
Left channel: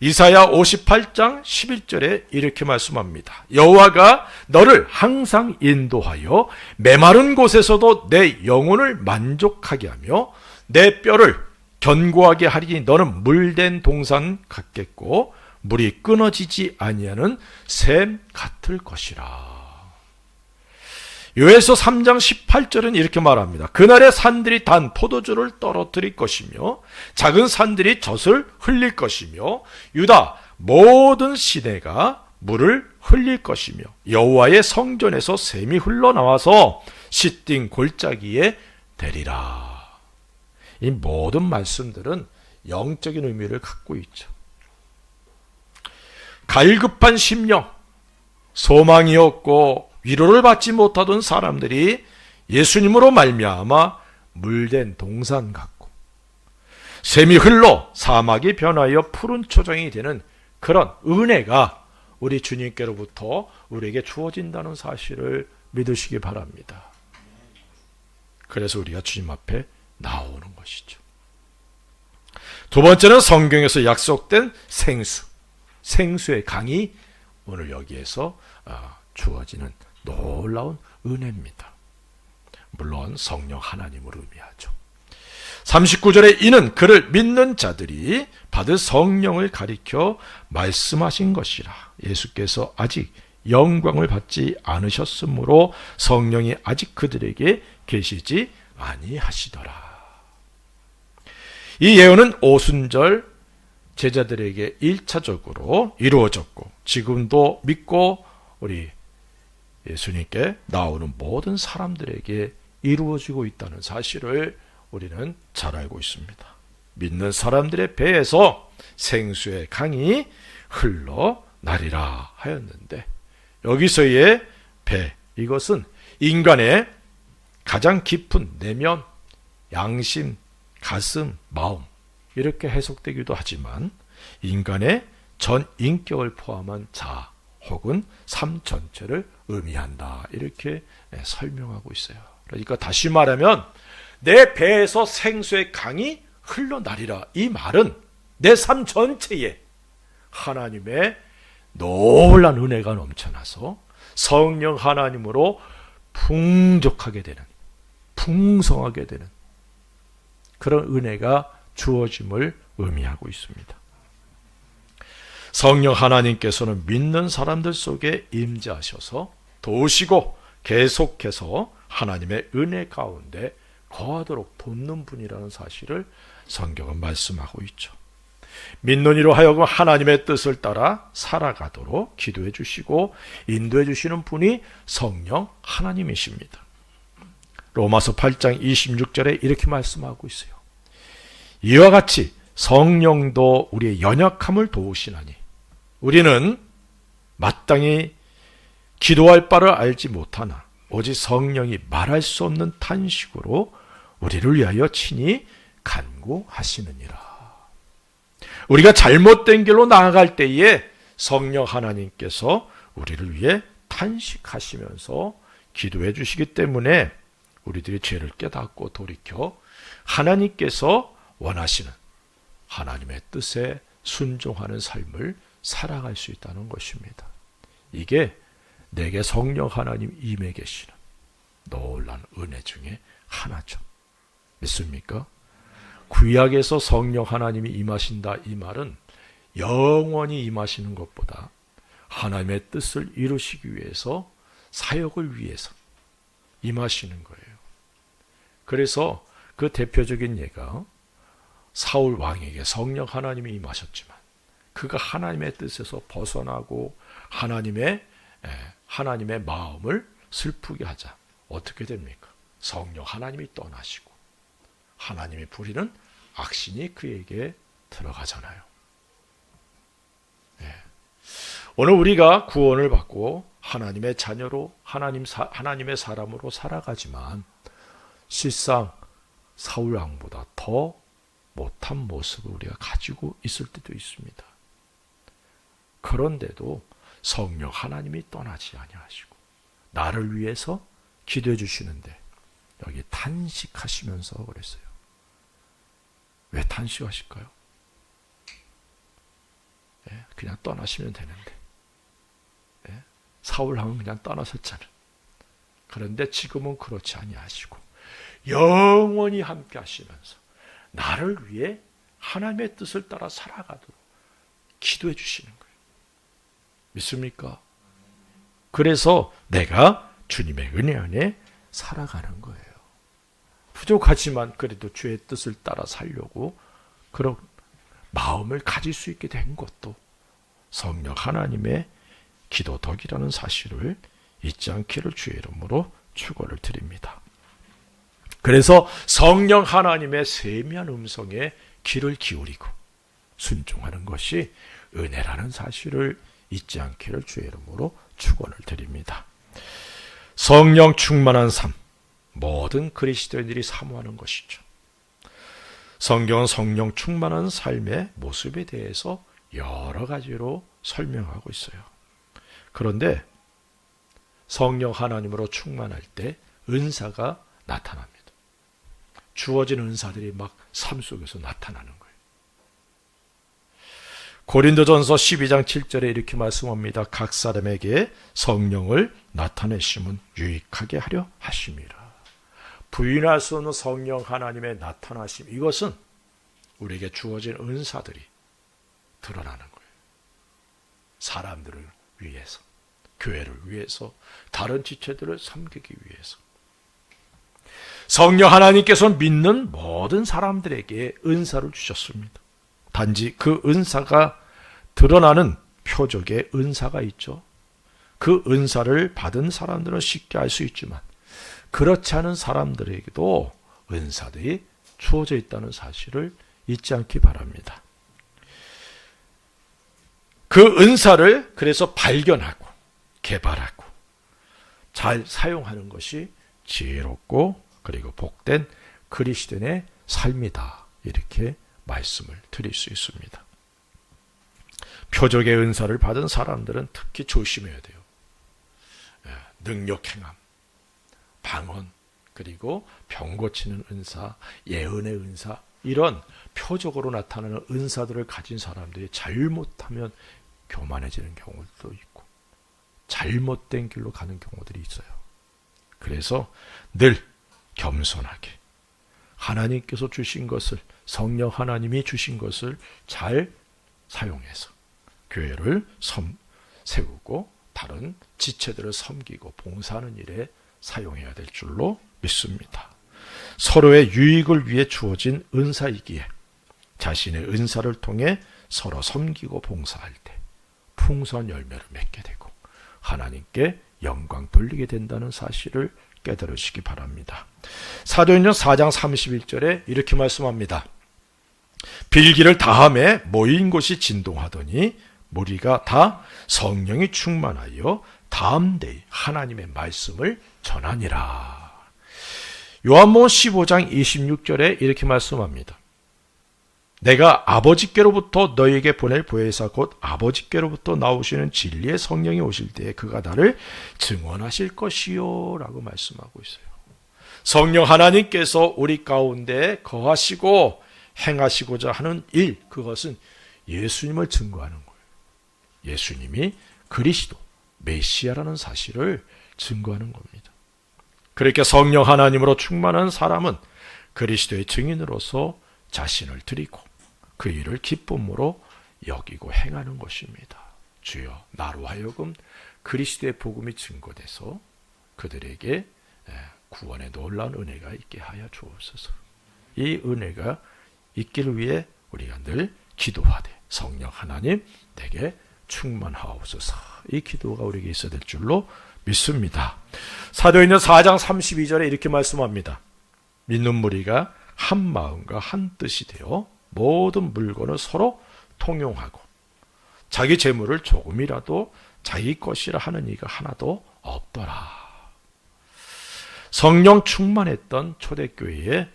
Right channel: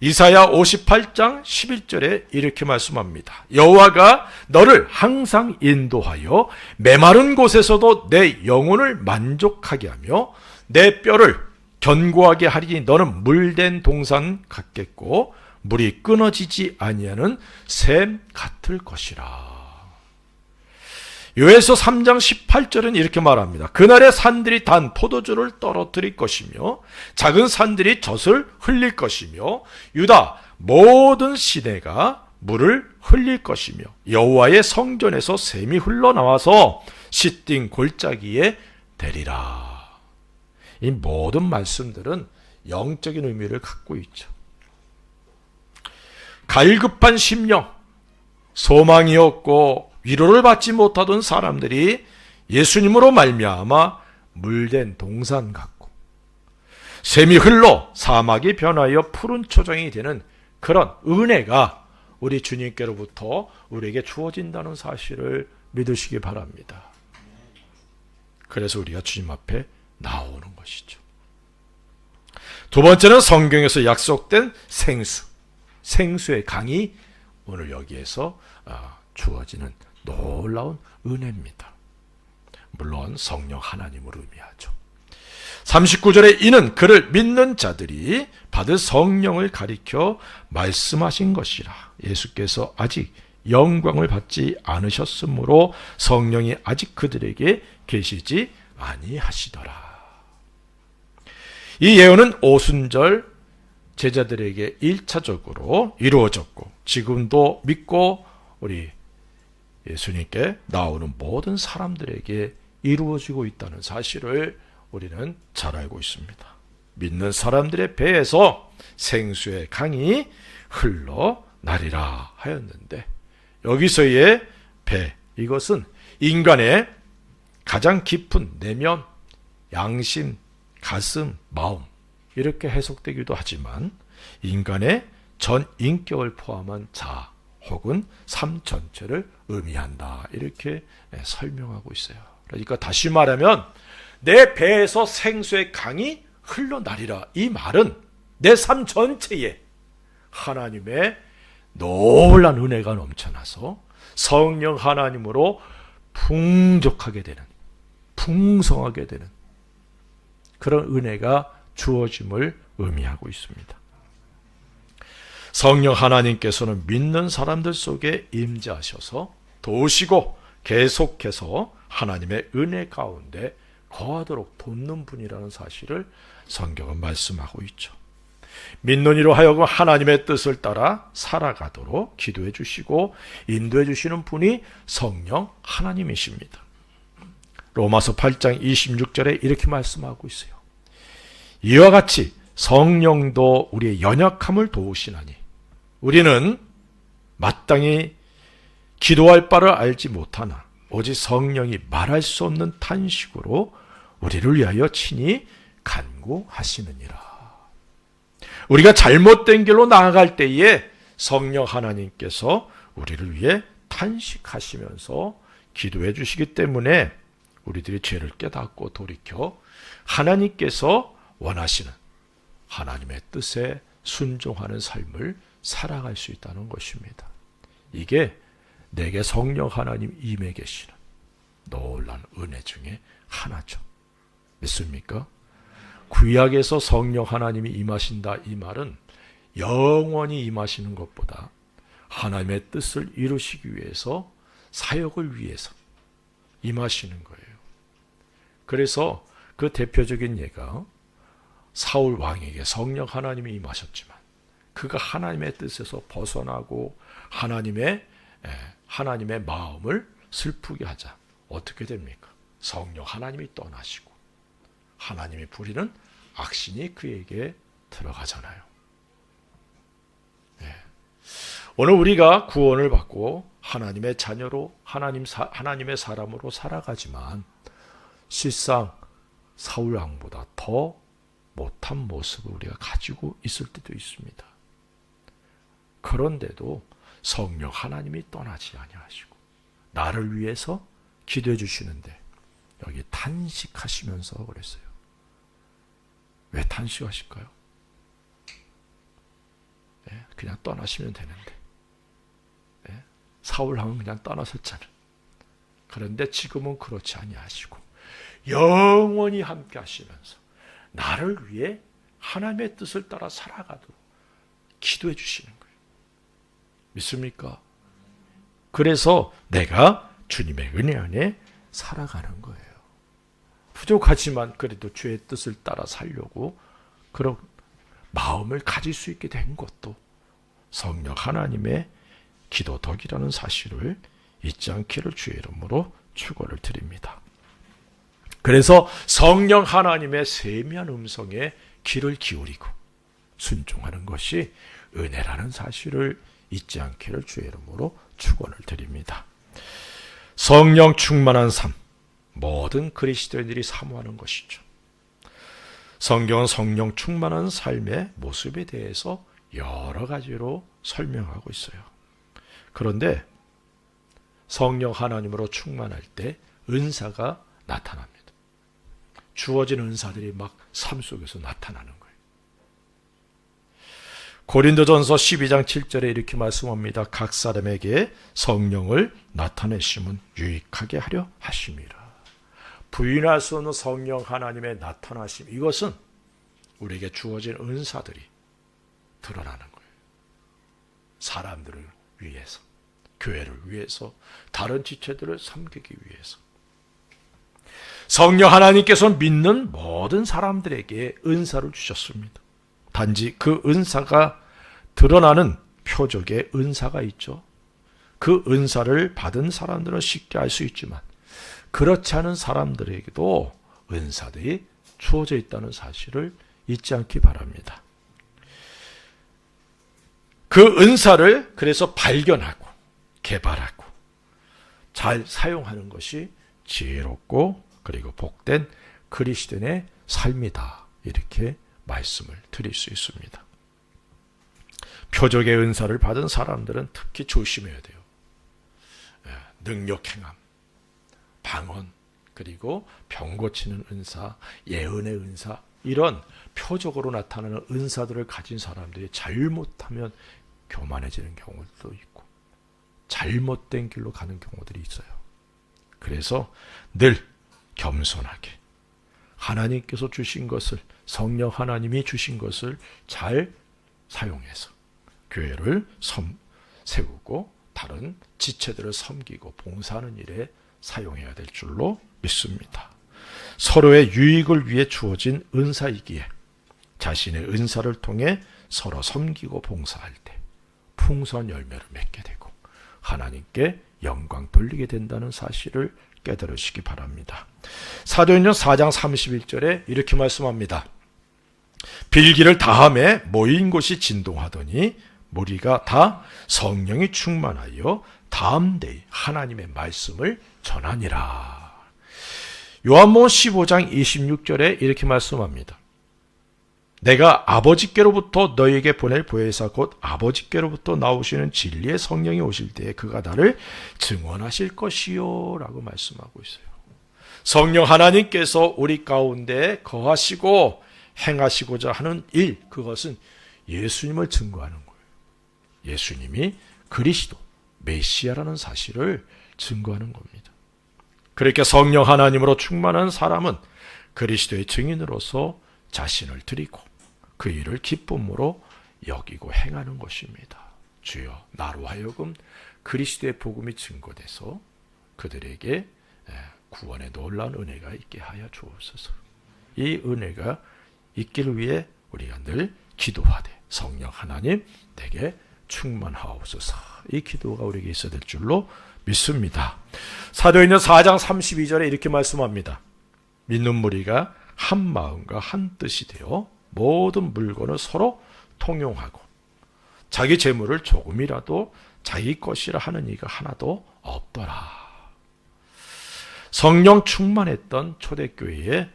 이사야 58장 11절에 이렇게 말씀합니다. 여호와가 너를 항상 인도하여 메마른 곳에서도 내 영혼을 만족하게 하며 내 뼈를 견고하게 하리니 너는 물된 동산 같겠고 물이 끊어지지 아니하는 샘 같을 것이라. 요엘서 3장 18절은 이렇게 말합니다. 그날에 산들이 단 포도주를 떨어뜨릴 것이며 작은 산들이 젖을 흘릴 것이며 유다 모든 시내가 물을 흘릴 것이며 여호와의 성전에서 샘이 흘러나와서 시띵 골짜기에 대리라. 이 모든 말씀들은 영적인 의미를 갖고 있죠. 갈급한 심령, 소망이 없고 위로를 받지 못하던 사람들이 예수님으로 말미암아 물된 동산 같고 샘이 흘러 사막이 변하여 푸른 초장이 되는 그런 은혜가 우리 주님께로부터 우리에게 주어진다는 사실을 믿으시기 바랍니다. 그래서 우리가 주님 앞에 나오는 것이죠. 두 번째는 성경에서 약속된 생수의 강이 오늘 여기에서 주어지는 놀라운 은혜입니다. 물론 성령 하나님을 의미하죠. 39절에 이는 그를 믿는 자들이 받을 성령을 가리켜 말씀하신 것이라. 예수께서 아직 영광을 받지 않으셨으므로 성령이 아직 그들에게 계시지 아니하시더라. 이 예언은 오순절 제자들에게 1차적으로 이루어졌고 지금도 믿고 우리 예수님께 나오는 모든 사람들에게 이루어지고 있다는 사실을 우리는 잘 알고 있습니다. 믿는 사람들의 배에서 생수의 강이 흘러나리라 하였는데, 여기서의 배, 이것은 인간의 가장 깊은 내면, 양심, 가슴, 마음 이렇게 해석되기도 하지만 인간의 전 인격을 포함한 자 혹은 삶 전체를 의미한다, 이렇게 설명하고 있어요. 그러니까 다시 말하면 내 배에서 생수의 강이 흘러나리라, 이 말은 내 삶 전체에 하나님의 놀란 은혜가 넘쳐나서 성령 하나님으로 풍족하게 되는, 풍성하게 되는 그런 은혜가 주어짐을 의미하고 있습니다. 성령 하나님께서는 믿는 사람들 속에 임재하셔서 도우시고 계속해서 하나님의 은혜 가운데 거하도록 돕는 분이라는 사실을 성경은 말씀하고 있죠. 믿는 이로 하여금 하나님의 뜻을 따라 살아가도록 기도해 주시고 인도해 주시는 분이 성령 하나님이십니다. 로마서 8장 26절에 이렇게 말씀하고 있어요. 이와 같이 성령도 우리의 연약함을 도우시나니 우리는 마땅히 기도할 바를 알지 못하나 오직 성령이 말할 수 없는 탄식으로 우리를 위하여 친히 간구하시느니라. 우리가 잘못된 길로 나아갈 때에 성령 하나님께서 우리를 위해 탄식하시면서 기도해 주시기 때문에 우리들이 죄를 깨닫고 돌이켜 하나님께서 원하시는 하나님의 뜻에 순종하는 삶을 살아갈 수 있다는 것입니다. 이게 내게 성령 하나님 임해 계시는 놀라운 은혜 중에 하나죠. 믿습니까? 구약에서 성령 하나님이 임하신다, 이 말은 영원히 임하시는 것보다 하나님의 뜻을 이루시기 위해서, 사역을 위해서 임하시는 거예요. 그래서 그 대표적인 예가 사울 왕에게 성령 하나님이 임하셨지만 그가 하나님의 뜻에서 벗어나고 하나님의 마음을 슬프게 하자. 어떻게 됩니까? 성령 하나님이 떠나시고 하나님이 부리는 악신이 그에게 들어가잖아요. 오늘 우리가 구원을 받고 하나님의 자녀로 하나님의 사람으로 살아가지만 실상 사울 왕보다 더 못한 모습을 우리가 가지고 있을 때도 있습니다. 그런데도 성령 하나님이 떠나지 아니하시고 나를 위해서 기도해 주시는데 여기 탄식하시면서 그랬어요. 왜 탄식하실까요? 그냥 떠나시면 되는데 사울왕은 그냥 떠나셨잖아요. 그런데 지금은 그렇지 아니하시고 영원히 함께 하시면서 나를 위해 하나님의 뜻을 따라 살아가도록 기도해 주시는 거예요. 믿습니까? 그래서 내가 주님의 은혜 안에 살아가는 거예요. 부족하지만 그래도 주의 뜻을 따라 살려고 그런 마음을 가질 수 있게 된 것도 성령 하나님의 기도덕이라는 사실을 잊지 않기를 주의 이름으로 축원을 드립니다. 그래서 성령 하나님의 세미한 음성에 귀를 기울이고 순종하는 것이 은혜라는 사실을 잊지 않기를 주의 이름으로 축원을 드립니다. 성령 충만한 삶, 모든 그리스도인들이 사모하는 것이죠. 성경은 성령 충만한 삶의 모습에 대해서 여러 가지로 설명하고 있어요. 그런데 성령 하나님으로 충만할 때 은사가 나타납니다. 주어진 은사들이 막 삶 속에서 나타나는 거예요. 고린도전서 12장 7절에 이렇게 말씀합니다. 각 사람에게 성령을 나타내심은 유익하게 하려 하심이라. 부인할 수 없는 성령 하나님의 나타나심, 이것은 우리에게 주어진 은사들이 드러나는 거예요. 사람들을 위해서, 교회를 위해서, 다른 지체들을 섬기기 위해서. 성령 하나님께서 믿는 모든 사람들에게 은사를 주셨습니다. 단지 그 은사가 드러나는 표적의 은사가 있죠. 그 은사를 받은 사람들은 쉽게 알 수 있지만 그렇지 않은 사람들에게도 은사들이 주어져 있다는 사실을 잊지 않기 바랍니다. 그 은사를 그래서 발견하고 개발하고 잘 사용하는 것이 지혜롭고 그리고 복된 그리스도인의 삶이다. 이렇게 말씀을 드릴 수 있습니다. 표적의 은사를 받은 사람들은 특히 조심해야 돼요. 능력 행함, 방언, 그리고 병 고치는 은사, 예언의 은사, 이런 표적으로 나타나는 은사들을 가진 사람들이 잘못하면 교만해지는 경우도 있고 잘못된 길로 가는 경우들이 있어요. 그래서 늘 겸손하게 하나님께서 주신 것을, 성령 하나님이 주신 것을 잘 사용해서 교회를 세우고 다른 지체들을 섬기고 봉사하는 일에 사용해야 될 줄로 믿습니다. 서로의 유익을 위해 주어진 은사이기에 자신의 은사를 통해 서로 섬기고 봉사할 때 풍성한 열매를 맺게 되고 하나님께 영광 돌리게 된다는 사실을 깨달으시기 바랍니다. 사도행전 4장 31절에 이렇게 말씀합니다. 빌기를 다함에 모인 곳이 진동하더니 무리가 다 성령이 충만하여 담대히 하나님의 말씀을 전하니라. 요한복음 15장 26절에 이렇게 말씀합니다. 내가 아버지께로부터 너에게 보낼 보혜사 곧 아버지께로부터 나오시는 진리의 성령이 오실 때에 그가 나를 증언하실 것이요 라고 말씀하고 있어요. 성령 하나님께서 우리 가운데 거하시고 행하시고자 하는 일, 그것은 예수님을 증거하는 거예요. 예수님이 그리스도, 메시아라는 사실을 증거하는 겁니다. 그렇게 성령 하나님으로 충만한 사람은 그리스도의 증인으로서 자신을 드리고 그 일을 기쁨으로 여기고 행하는 것입니다. 주여, 나로 하여금 그리스도의 복음이 증거돼서 그들에게 구원의 놀라운 은혜가 있게 하여 주옵소서. 이 은혜가 있기를 위해 우리가 늘 기도하되 성령 하나님 내게 충만하옵소서. 이 기도가 우리에게 있어야 될 줄로 믿습니다. 사도행전 4장 32절에 이렇게 말씀합니다. 믿는 무리가 한 마음과 한 뜻이 되어 모든 물건을 서로 통용하고 자기 재물을 조금이라도 자기 것이라 하는 이가 하나도 없더라. 성령 충만했던 초대교회의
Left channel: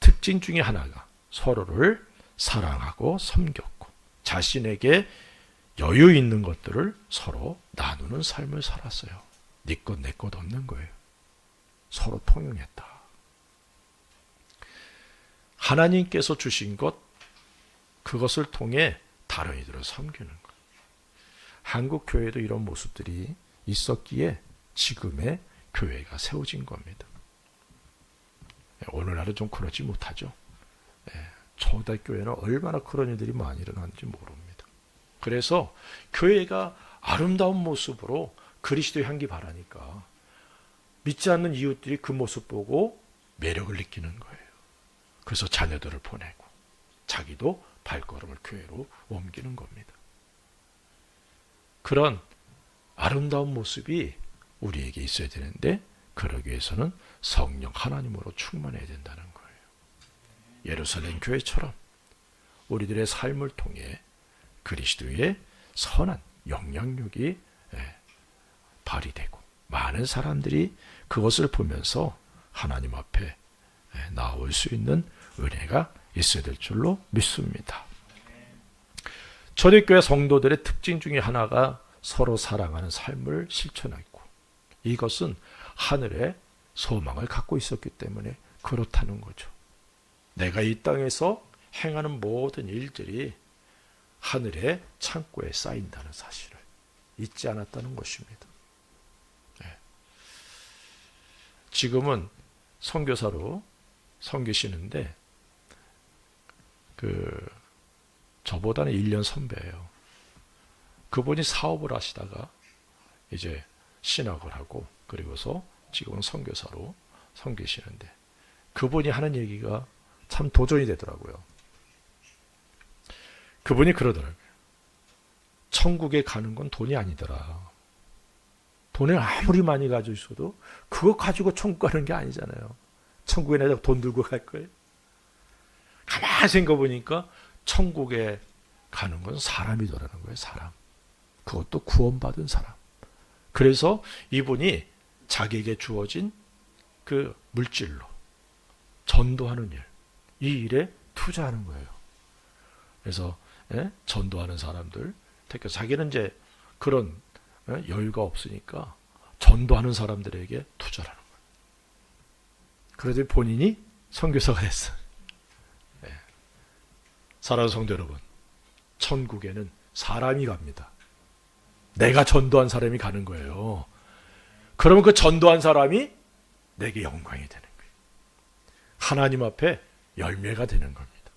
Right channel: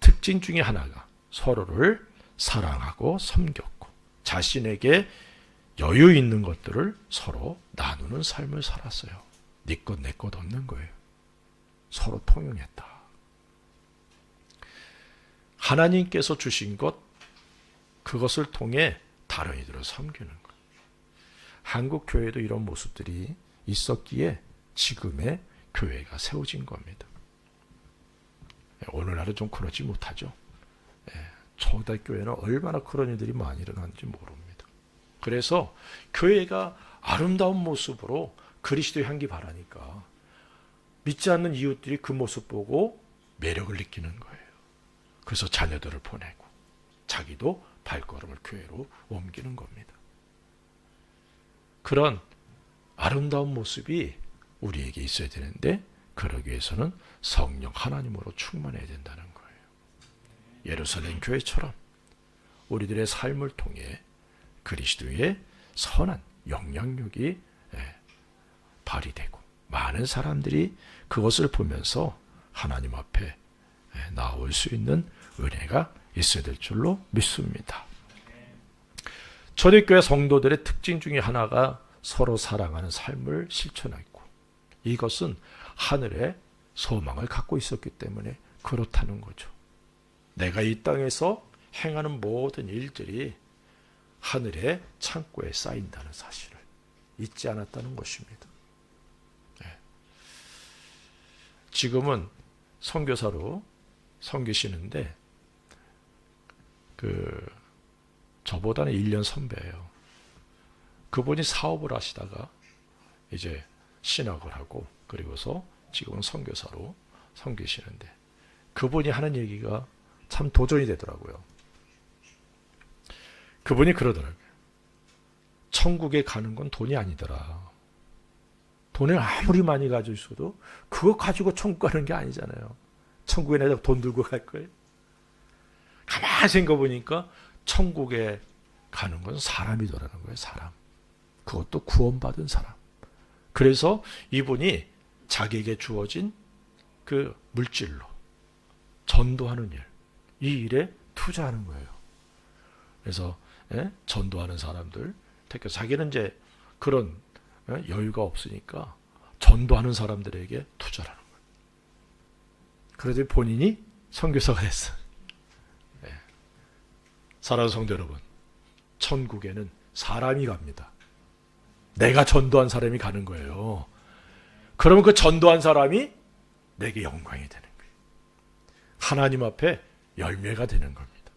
특징 중에 하나가 서로를 사랑하고 섬겼고 자신에게 여유 있는 것들을 서로 나누는 삶을 살았어요. 네 것 내 것 없는 거예요. 서로 통용했다. 하나님께서 주신 것, 그것을 통해 다른 이들을 섬기는 것. 한국 교회도 이런 모습들이 있었기에 지금의 교회가 세워진 겁니다. 오늘날은 좀 그러지 못하죠. 초대교회는 얼마나 그런 일들이 많이 일어나는지 모릅니다. 그래서 교회가 아름다운 모습으로 그리스도의 향기 바라니까 믿지 않는 이웃들이 그 모습 보고 매력을 느끼는 거예요. 그래서 자녀들을 보내고 자기도 발걸음을 교회로 옮기는 겁니다. 그런 아름다운 모습이 우리에게 있어야 되는데 그러기 위해서는 성령 하나님으로 충만해야 된다는 거예요. 예루살렘 교회처럼 우리들의 삶을 통해 그리스도의 선한 영향력이 발휘되고 많은 사람들이 그것을 보면서 하나님 앞에 나올 수 있는 은혜가 있어야 될 줄로 믿습니다. 초대교회 성도들의 특징 중에 하나가 서로 사랑하는 삶을 실천했고 이것은 하늘의 소망을 갖고 있었기 때문에 그렇다는 거죠. 내가 이 땅에서 행하는 모든 일들이 하늘의 창고에 쌓인다는 사실을 잊지 않았다는 것입니다. 지금은 선교사로 섬기시는데 저보다는 1년 선배예요. 그분이 사업을 하시다가 이제 신학을 하고 그리고서 지금은 선교사로 섬기시는데 그분이 하는 얘기가 참 도전이 되더라고요. 그분이 그러더라고요. 천국에 가는 건 돈이 아니더라. 돈을 아무리 많이 가지고 있어도 그거 가지고 천국 가는 게 아니잖아요. 천국에 내가 돈 들고 갈 거예요. 가만히 생각해보니까 천국에 가는 건 사람이더라는 거예요. 사람. 그것도 구원받은 사람. 그래서 이분이 자기에게 주어진 그 물질로 전도하는 일, 이 일에 투자하는 거예요. 그래서 전도하는 사람들, 특히 자기는 이제 그런 여유가 없으니까 전도하는 사람들에게 투자를 하는 거예요. 그래도 본인이 선교사가 됐어요. 사랑하는 성도 여러분, 천국에는 사람이 갑니다. 내가 전도한 사람이 가는 거예요. 그러면 그 전도한 사람이 내게 영광이 되는 거예요. 하나님 앞에 열매가 되는 겁니다.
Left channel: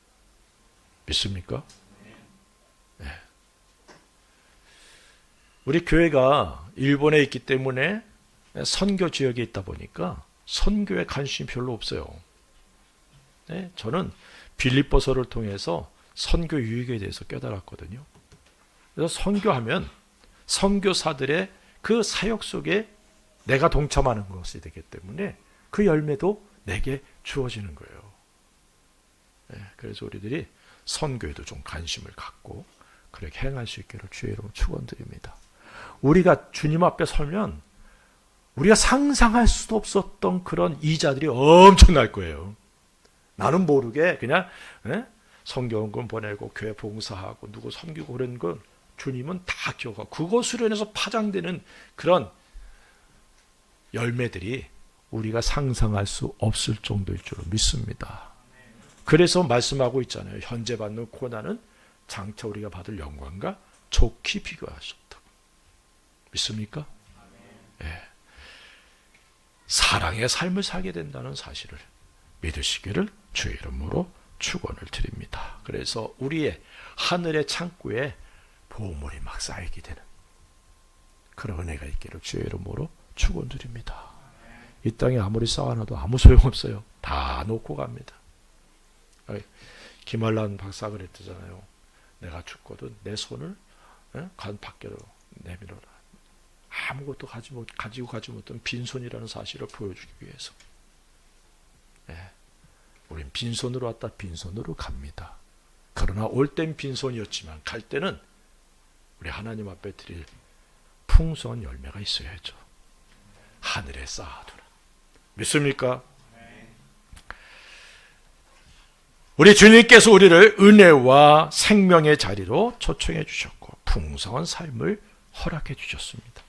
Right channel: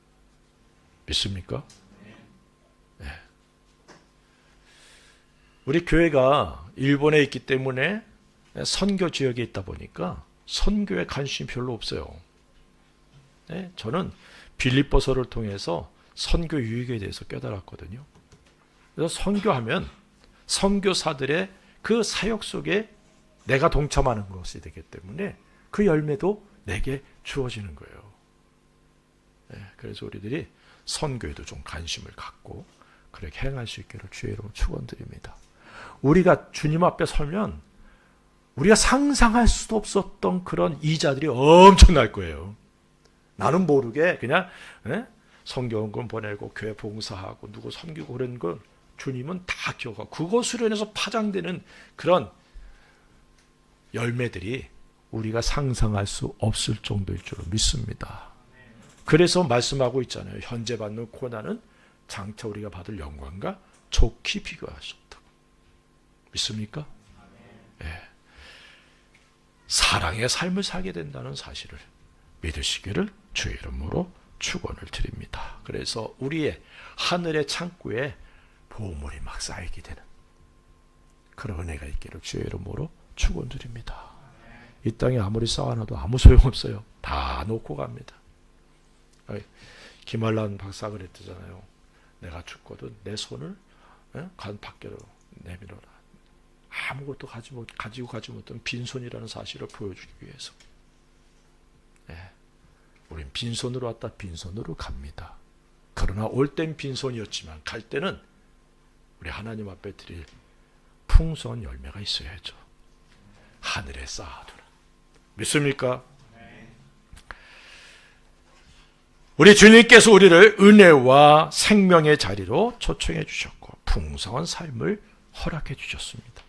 믿습니까? 네. 우리 교회가 일본에 있기 때문에 선교 지역에 있다 보니까 선교에 관심이 별로 없어요. 네, 저는 빌립보서를 통해서 선교 유익에 대해서 깨달았거든요. 그래서 선교하면 선교사들의 그 사역 속에 내가 동참하는 것이 되기 때문에 그 열매도 내게 주어지는 거예요. 네, 그래서 우리들이 선교에도 좀 관심을 갖고 그렇게 행할 수 있기를 주의 이름으로 축원드립니다. 우리가 주님 앞에 서면 우리가 상상할 수도 없었던 그런 이자들이 엄청날 거예요. 나는 모르게 그냥 성경권 보내고 교회 봉사하고 누구 섬기고 그런 건 주님은 다 기억하고 그것으로 인해서 파장되는 그런 열매들이 우리가 상상할 수 없을 정도일 줄로 믿습니다. 그래서 말씀하고 있잖아요. 현재 받는 고난은 장차 우리가 받을 영광과 좋게 비교하셨다고. 믿습니까? 네. 사랑의 삶을 살게 된다는 사실을 믿으시기를 주의 이름으로 축원을 드립니다. 그래서 우리의 하늘의 창고에 보물이 막 쌓이게 되는 그런 은혜가 있기를 주의 이름으로 축원드립니다. 이 땅에 아무리 쌓아놔도 아무 소용없어요. 다 놓고 갑니다. 김한란 박사가 그랬잖아요. 내가 죽거든 내 손을 간 밖으로 내밀어라. 아무것도 가지고 가지 못한 빈손이라는 사실을 보여주기 위해서. 우린 빈손으로 왔다 빈손으로 갑니다. 그러나 올 땐 빈손이었지만 갈 때는 우리 하나님 앞에 드릴 풍성한 열매가 있어야죠. 하늘에 쌓아두는. 믿습니까? 우리 주님께서 우리를 은혜와 생명의 자리로 초청해 주셨고 풍성한 삶을 허락해 주셨습니다.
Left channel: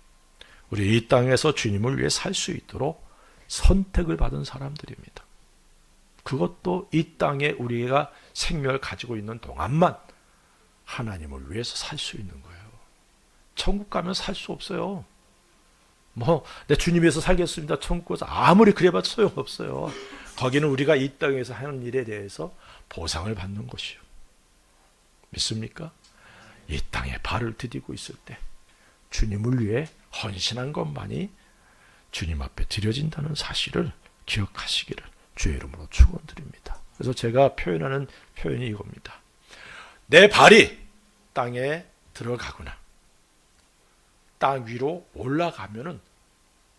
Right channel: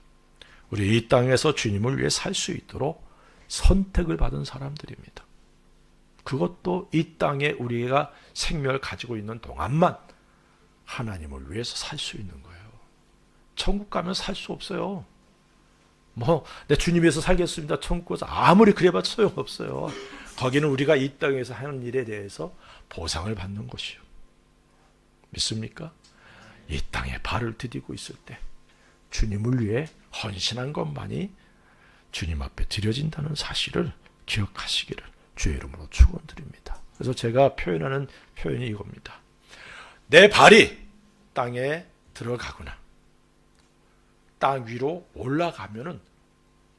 우리 이 땅에서 주님을 위해 살 수 있도록 선택을 받은 사람들입니다. 그것도 이 땅에 우리가 생명을 가지고 있는 동안만 하나님을 위해서 살 수 있는 거예요. 천국 가면 살 수 없어요. 내 주님 위해서 살겠습니다. 천국 가서 아무리 그래봤자 소용없어요. 거기는 우리가 이 땅에서 하는 일에 대해서 보상을 받는 것이요. 믿습니까? 이 땅에 발을 디디고 있을 때 주님을 위해 헌신한 것만이 주님 앞에 드려진다는 사실을 기억하시기를 주의 이름으로 축원드립니다. 그래서 제가 표현하는 표현이 이겁니다. 내 발이 땅에 들어가거나 땅 위로 올라가면은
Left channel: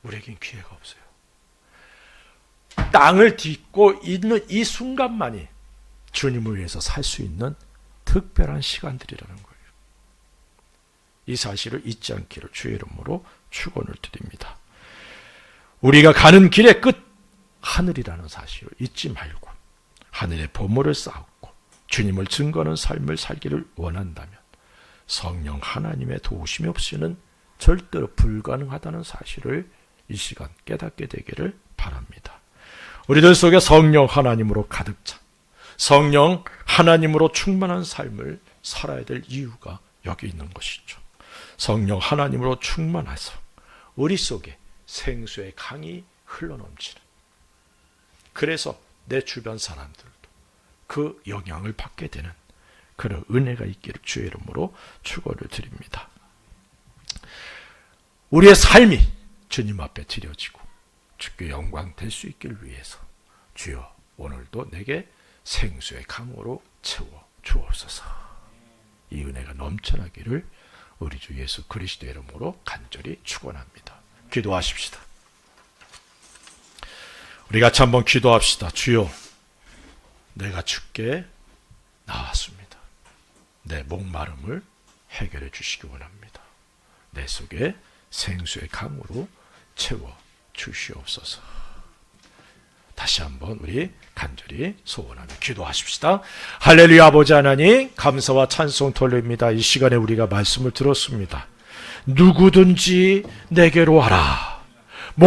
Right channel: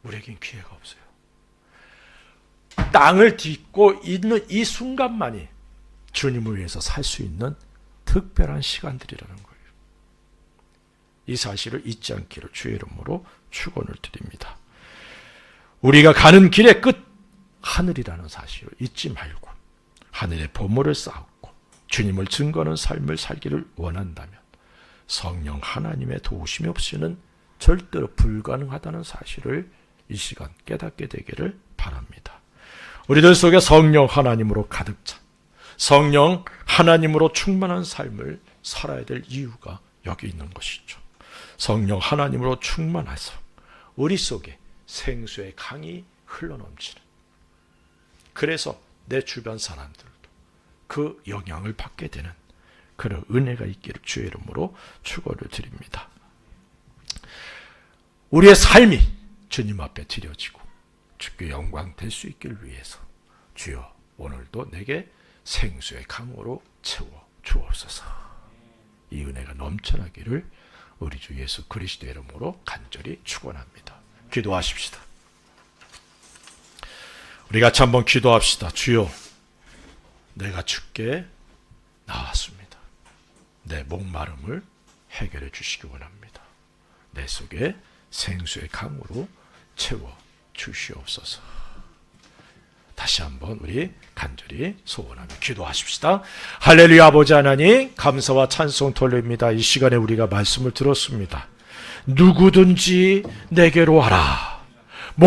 우리에겐 기회가 없어요. 땅을 딛고 있는 이 순간만이 주님을 위해서 살 수 있는 특별한 시간들이라는 거예요. 이 사실을 잊지 않기를 주의 이름으로 축원을 드립니다. 우리가 가는 길의 끝 하늘이라는 사실을 잊지 말고 하늘의 보물을 쌓고 주님을 증거하는 삶을 살기를 원한다면 성령 하나님의 도우심이 없이는 절대로 불가능하다는 사실을 이 시간 깨닫게 되기를 바랍니다. 우리들 속에 성령 하나님으로 가득 찬 성령 하나님으로 충만한 삶을 살아야 될 이유가 여기 있는 것이죠. 성령 하나님으로 충만해서 우리 속에 생수의 강이 흘러넘치는, 그래서 내 주변 사람들도 그 영향을 받게 되는 그런 은혜가 있기를 주의 이름으로 축원을 드립니다. 우리의 삶이 주님 앞에 드려지고 주께 영광 될 수 있기를 위해서 주여 오늘도 내게 생수의 강으로 채워 주옵소서. 이 은혜가 넘쳐나기를 우리 주 예수 그리스도 이름으로 간절히 축원합니다. 기도하십시다. 우리 같이 한번 기도합시다. 주여, 내가 주께 나왔습니다. 내 목마름을 해결해 주시기 원합니다. 내 속에 생수의 강으로 채워 주시옵소서. 다시 한번 우리 간절히 소원하며 기도하십시다. 할렐루야. 아버지 하나님, 감사와 찬송 돌립니다. 이 시간에 우리가 말씀을 들었습니다. 누구든지 내게로 와라.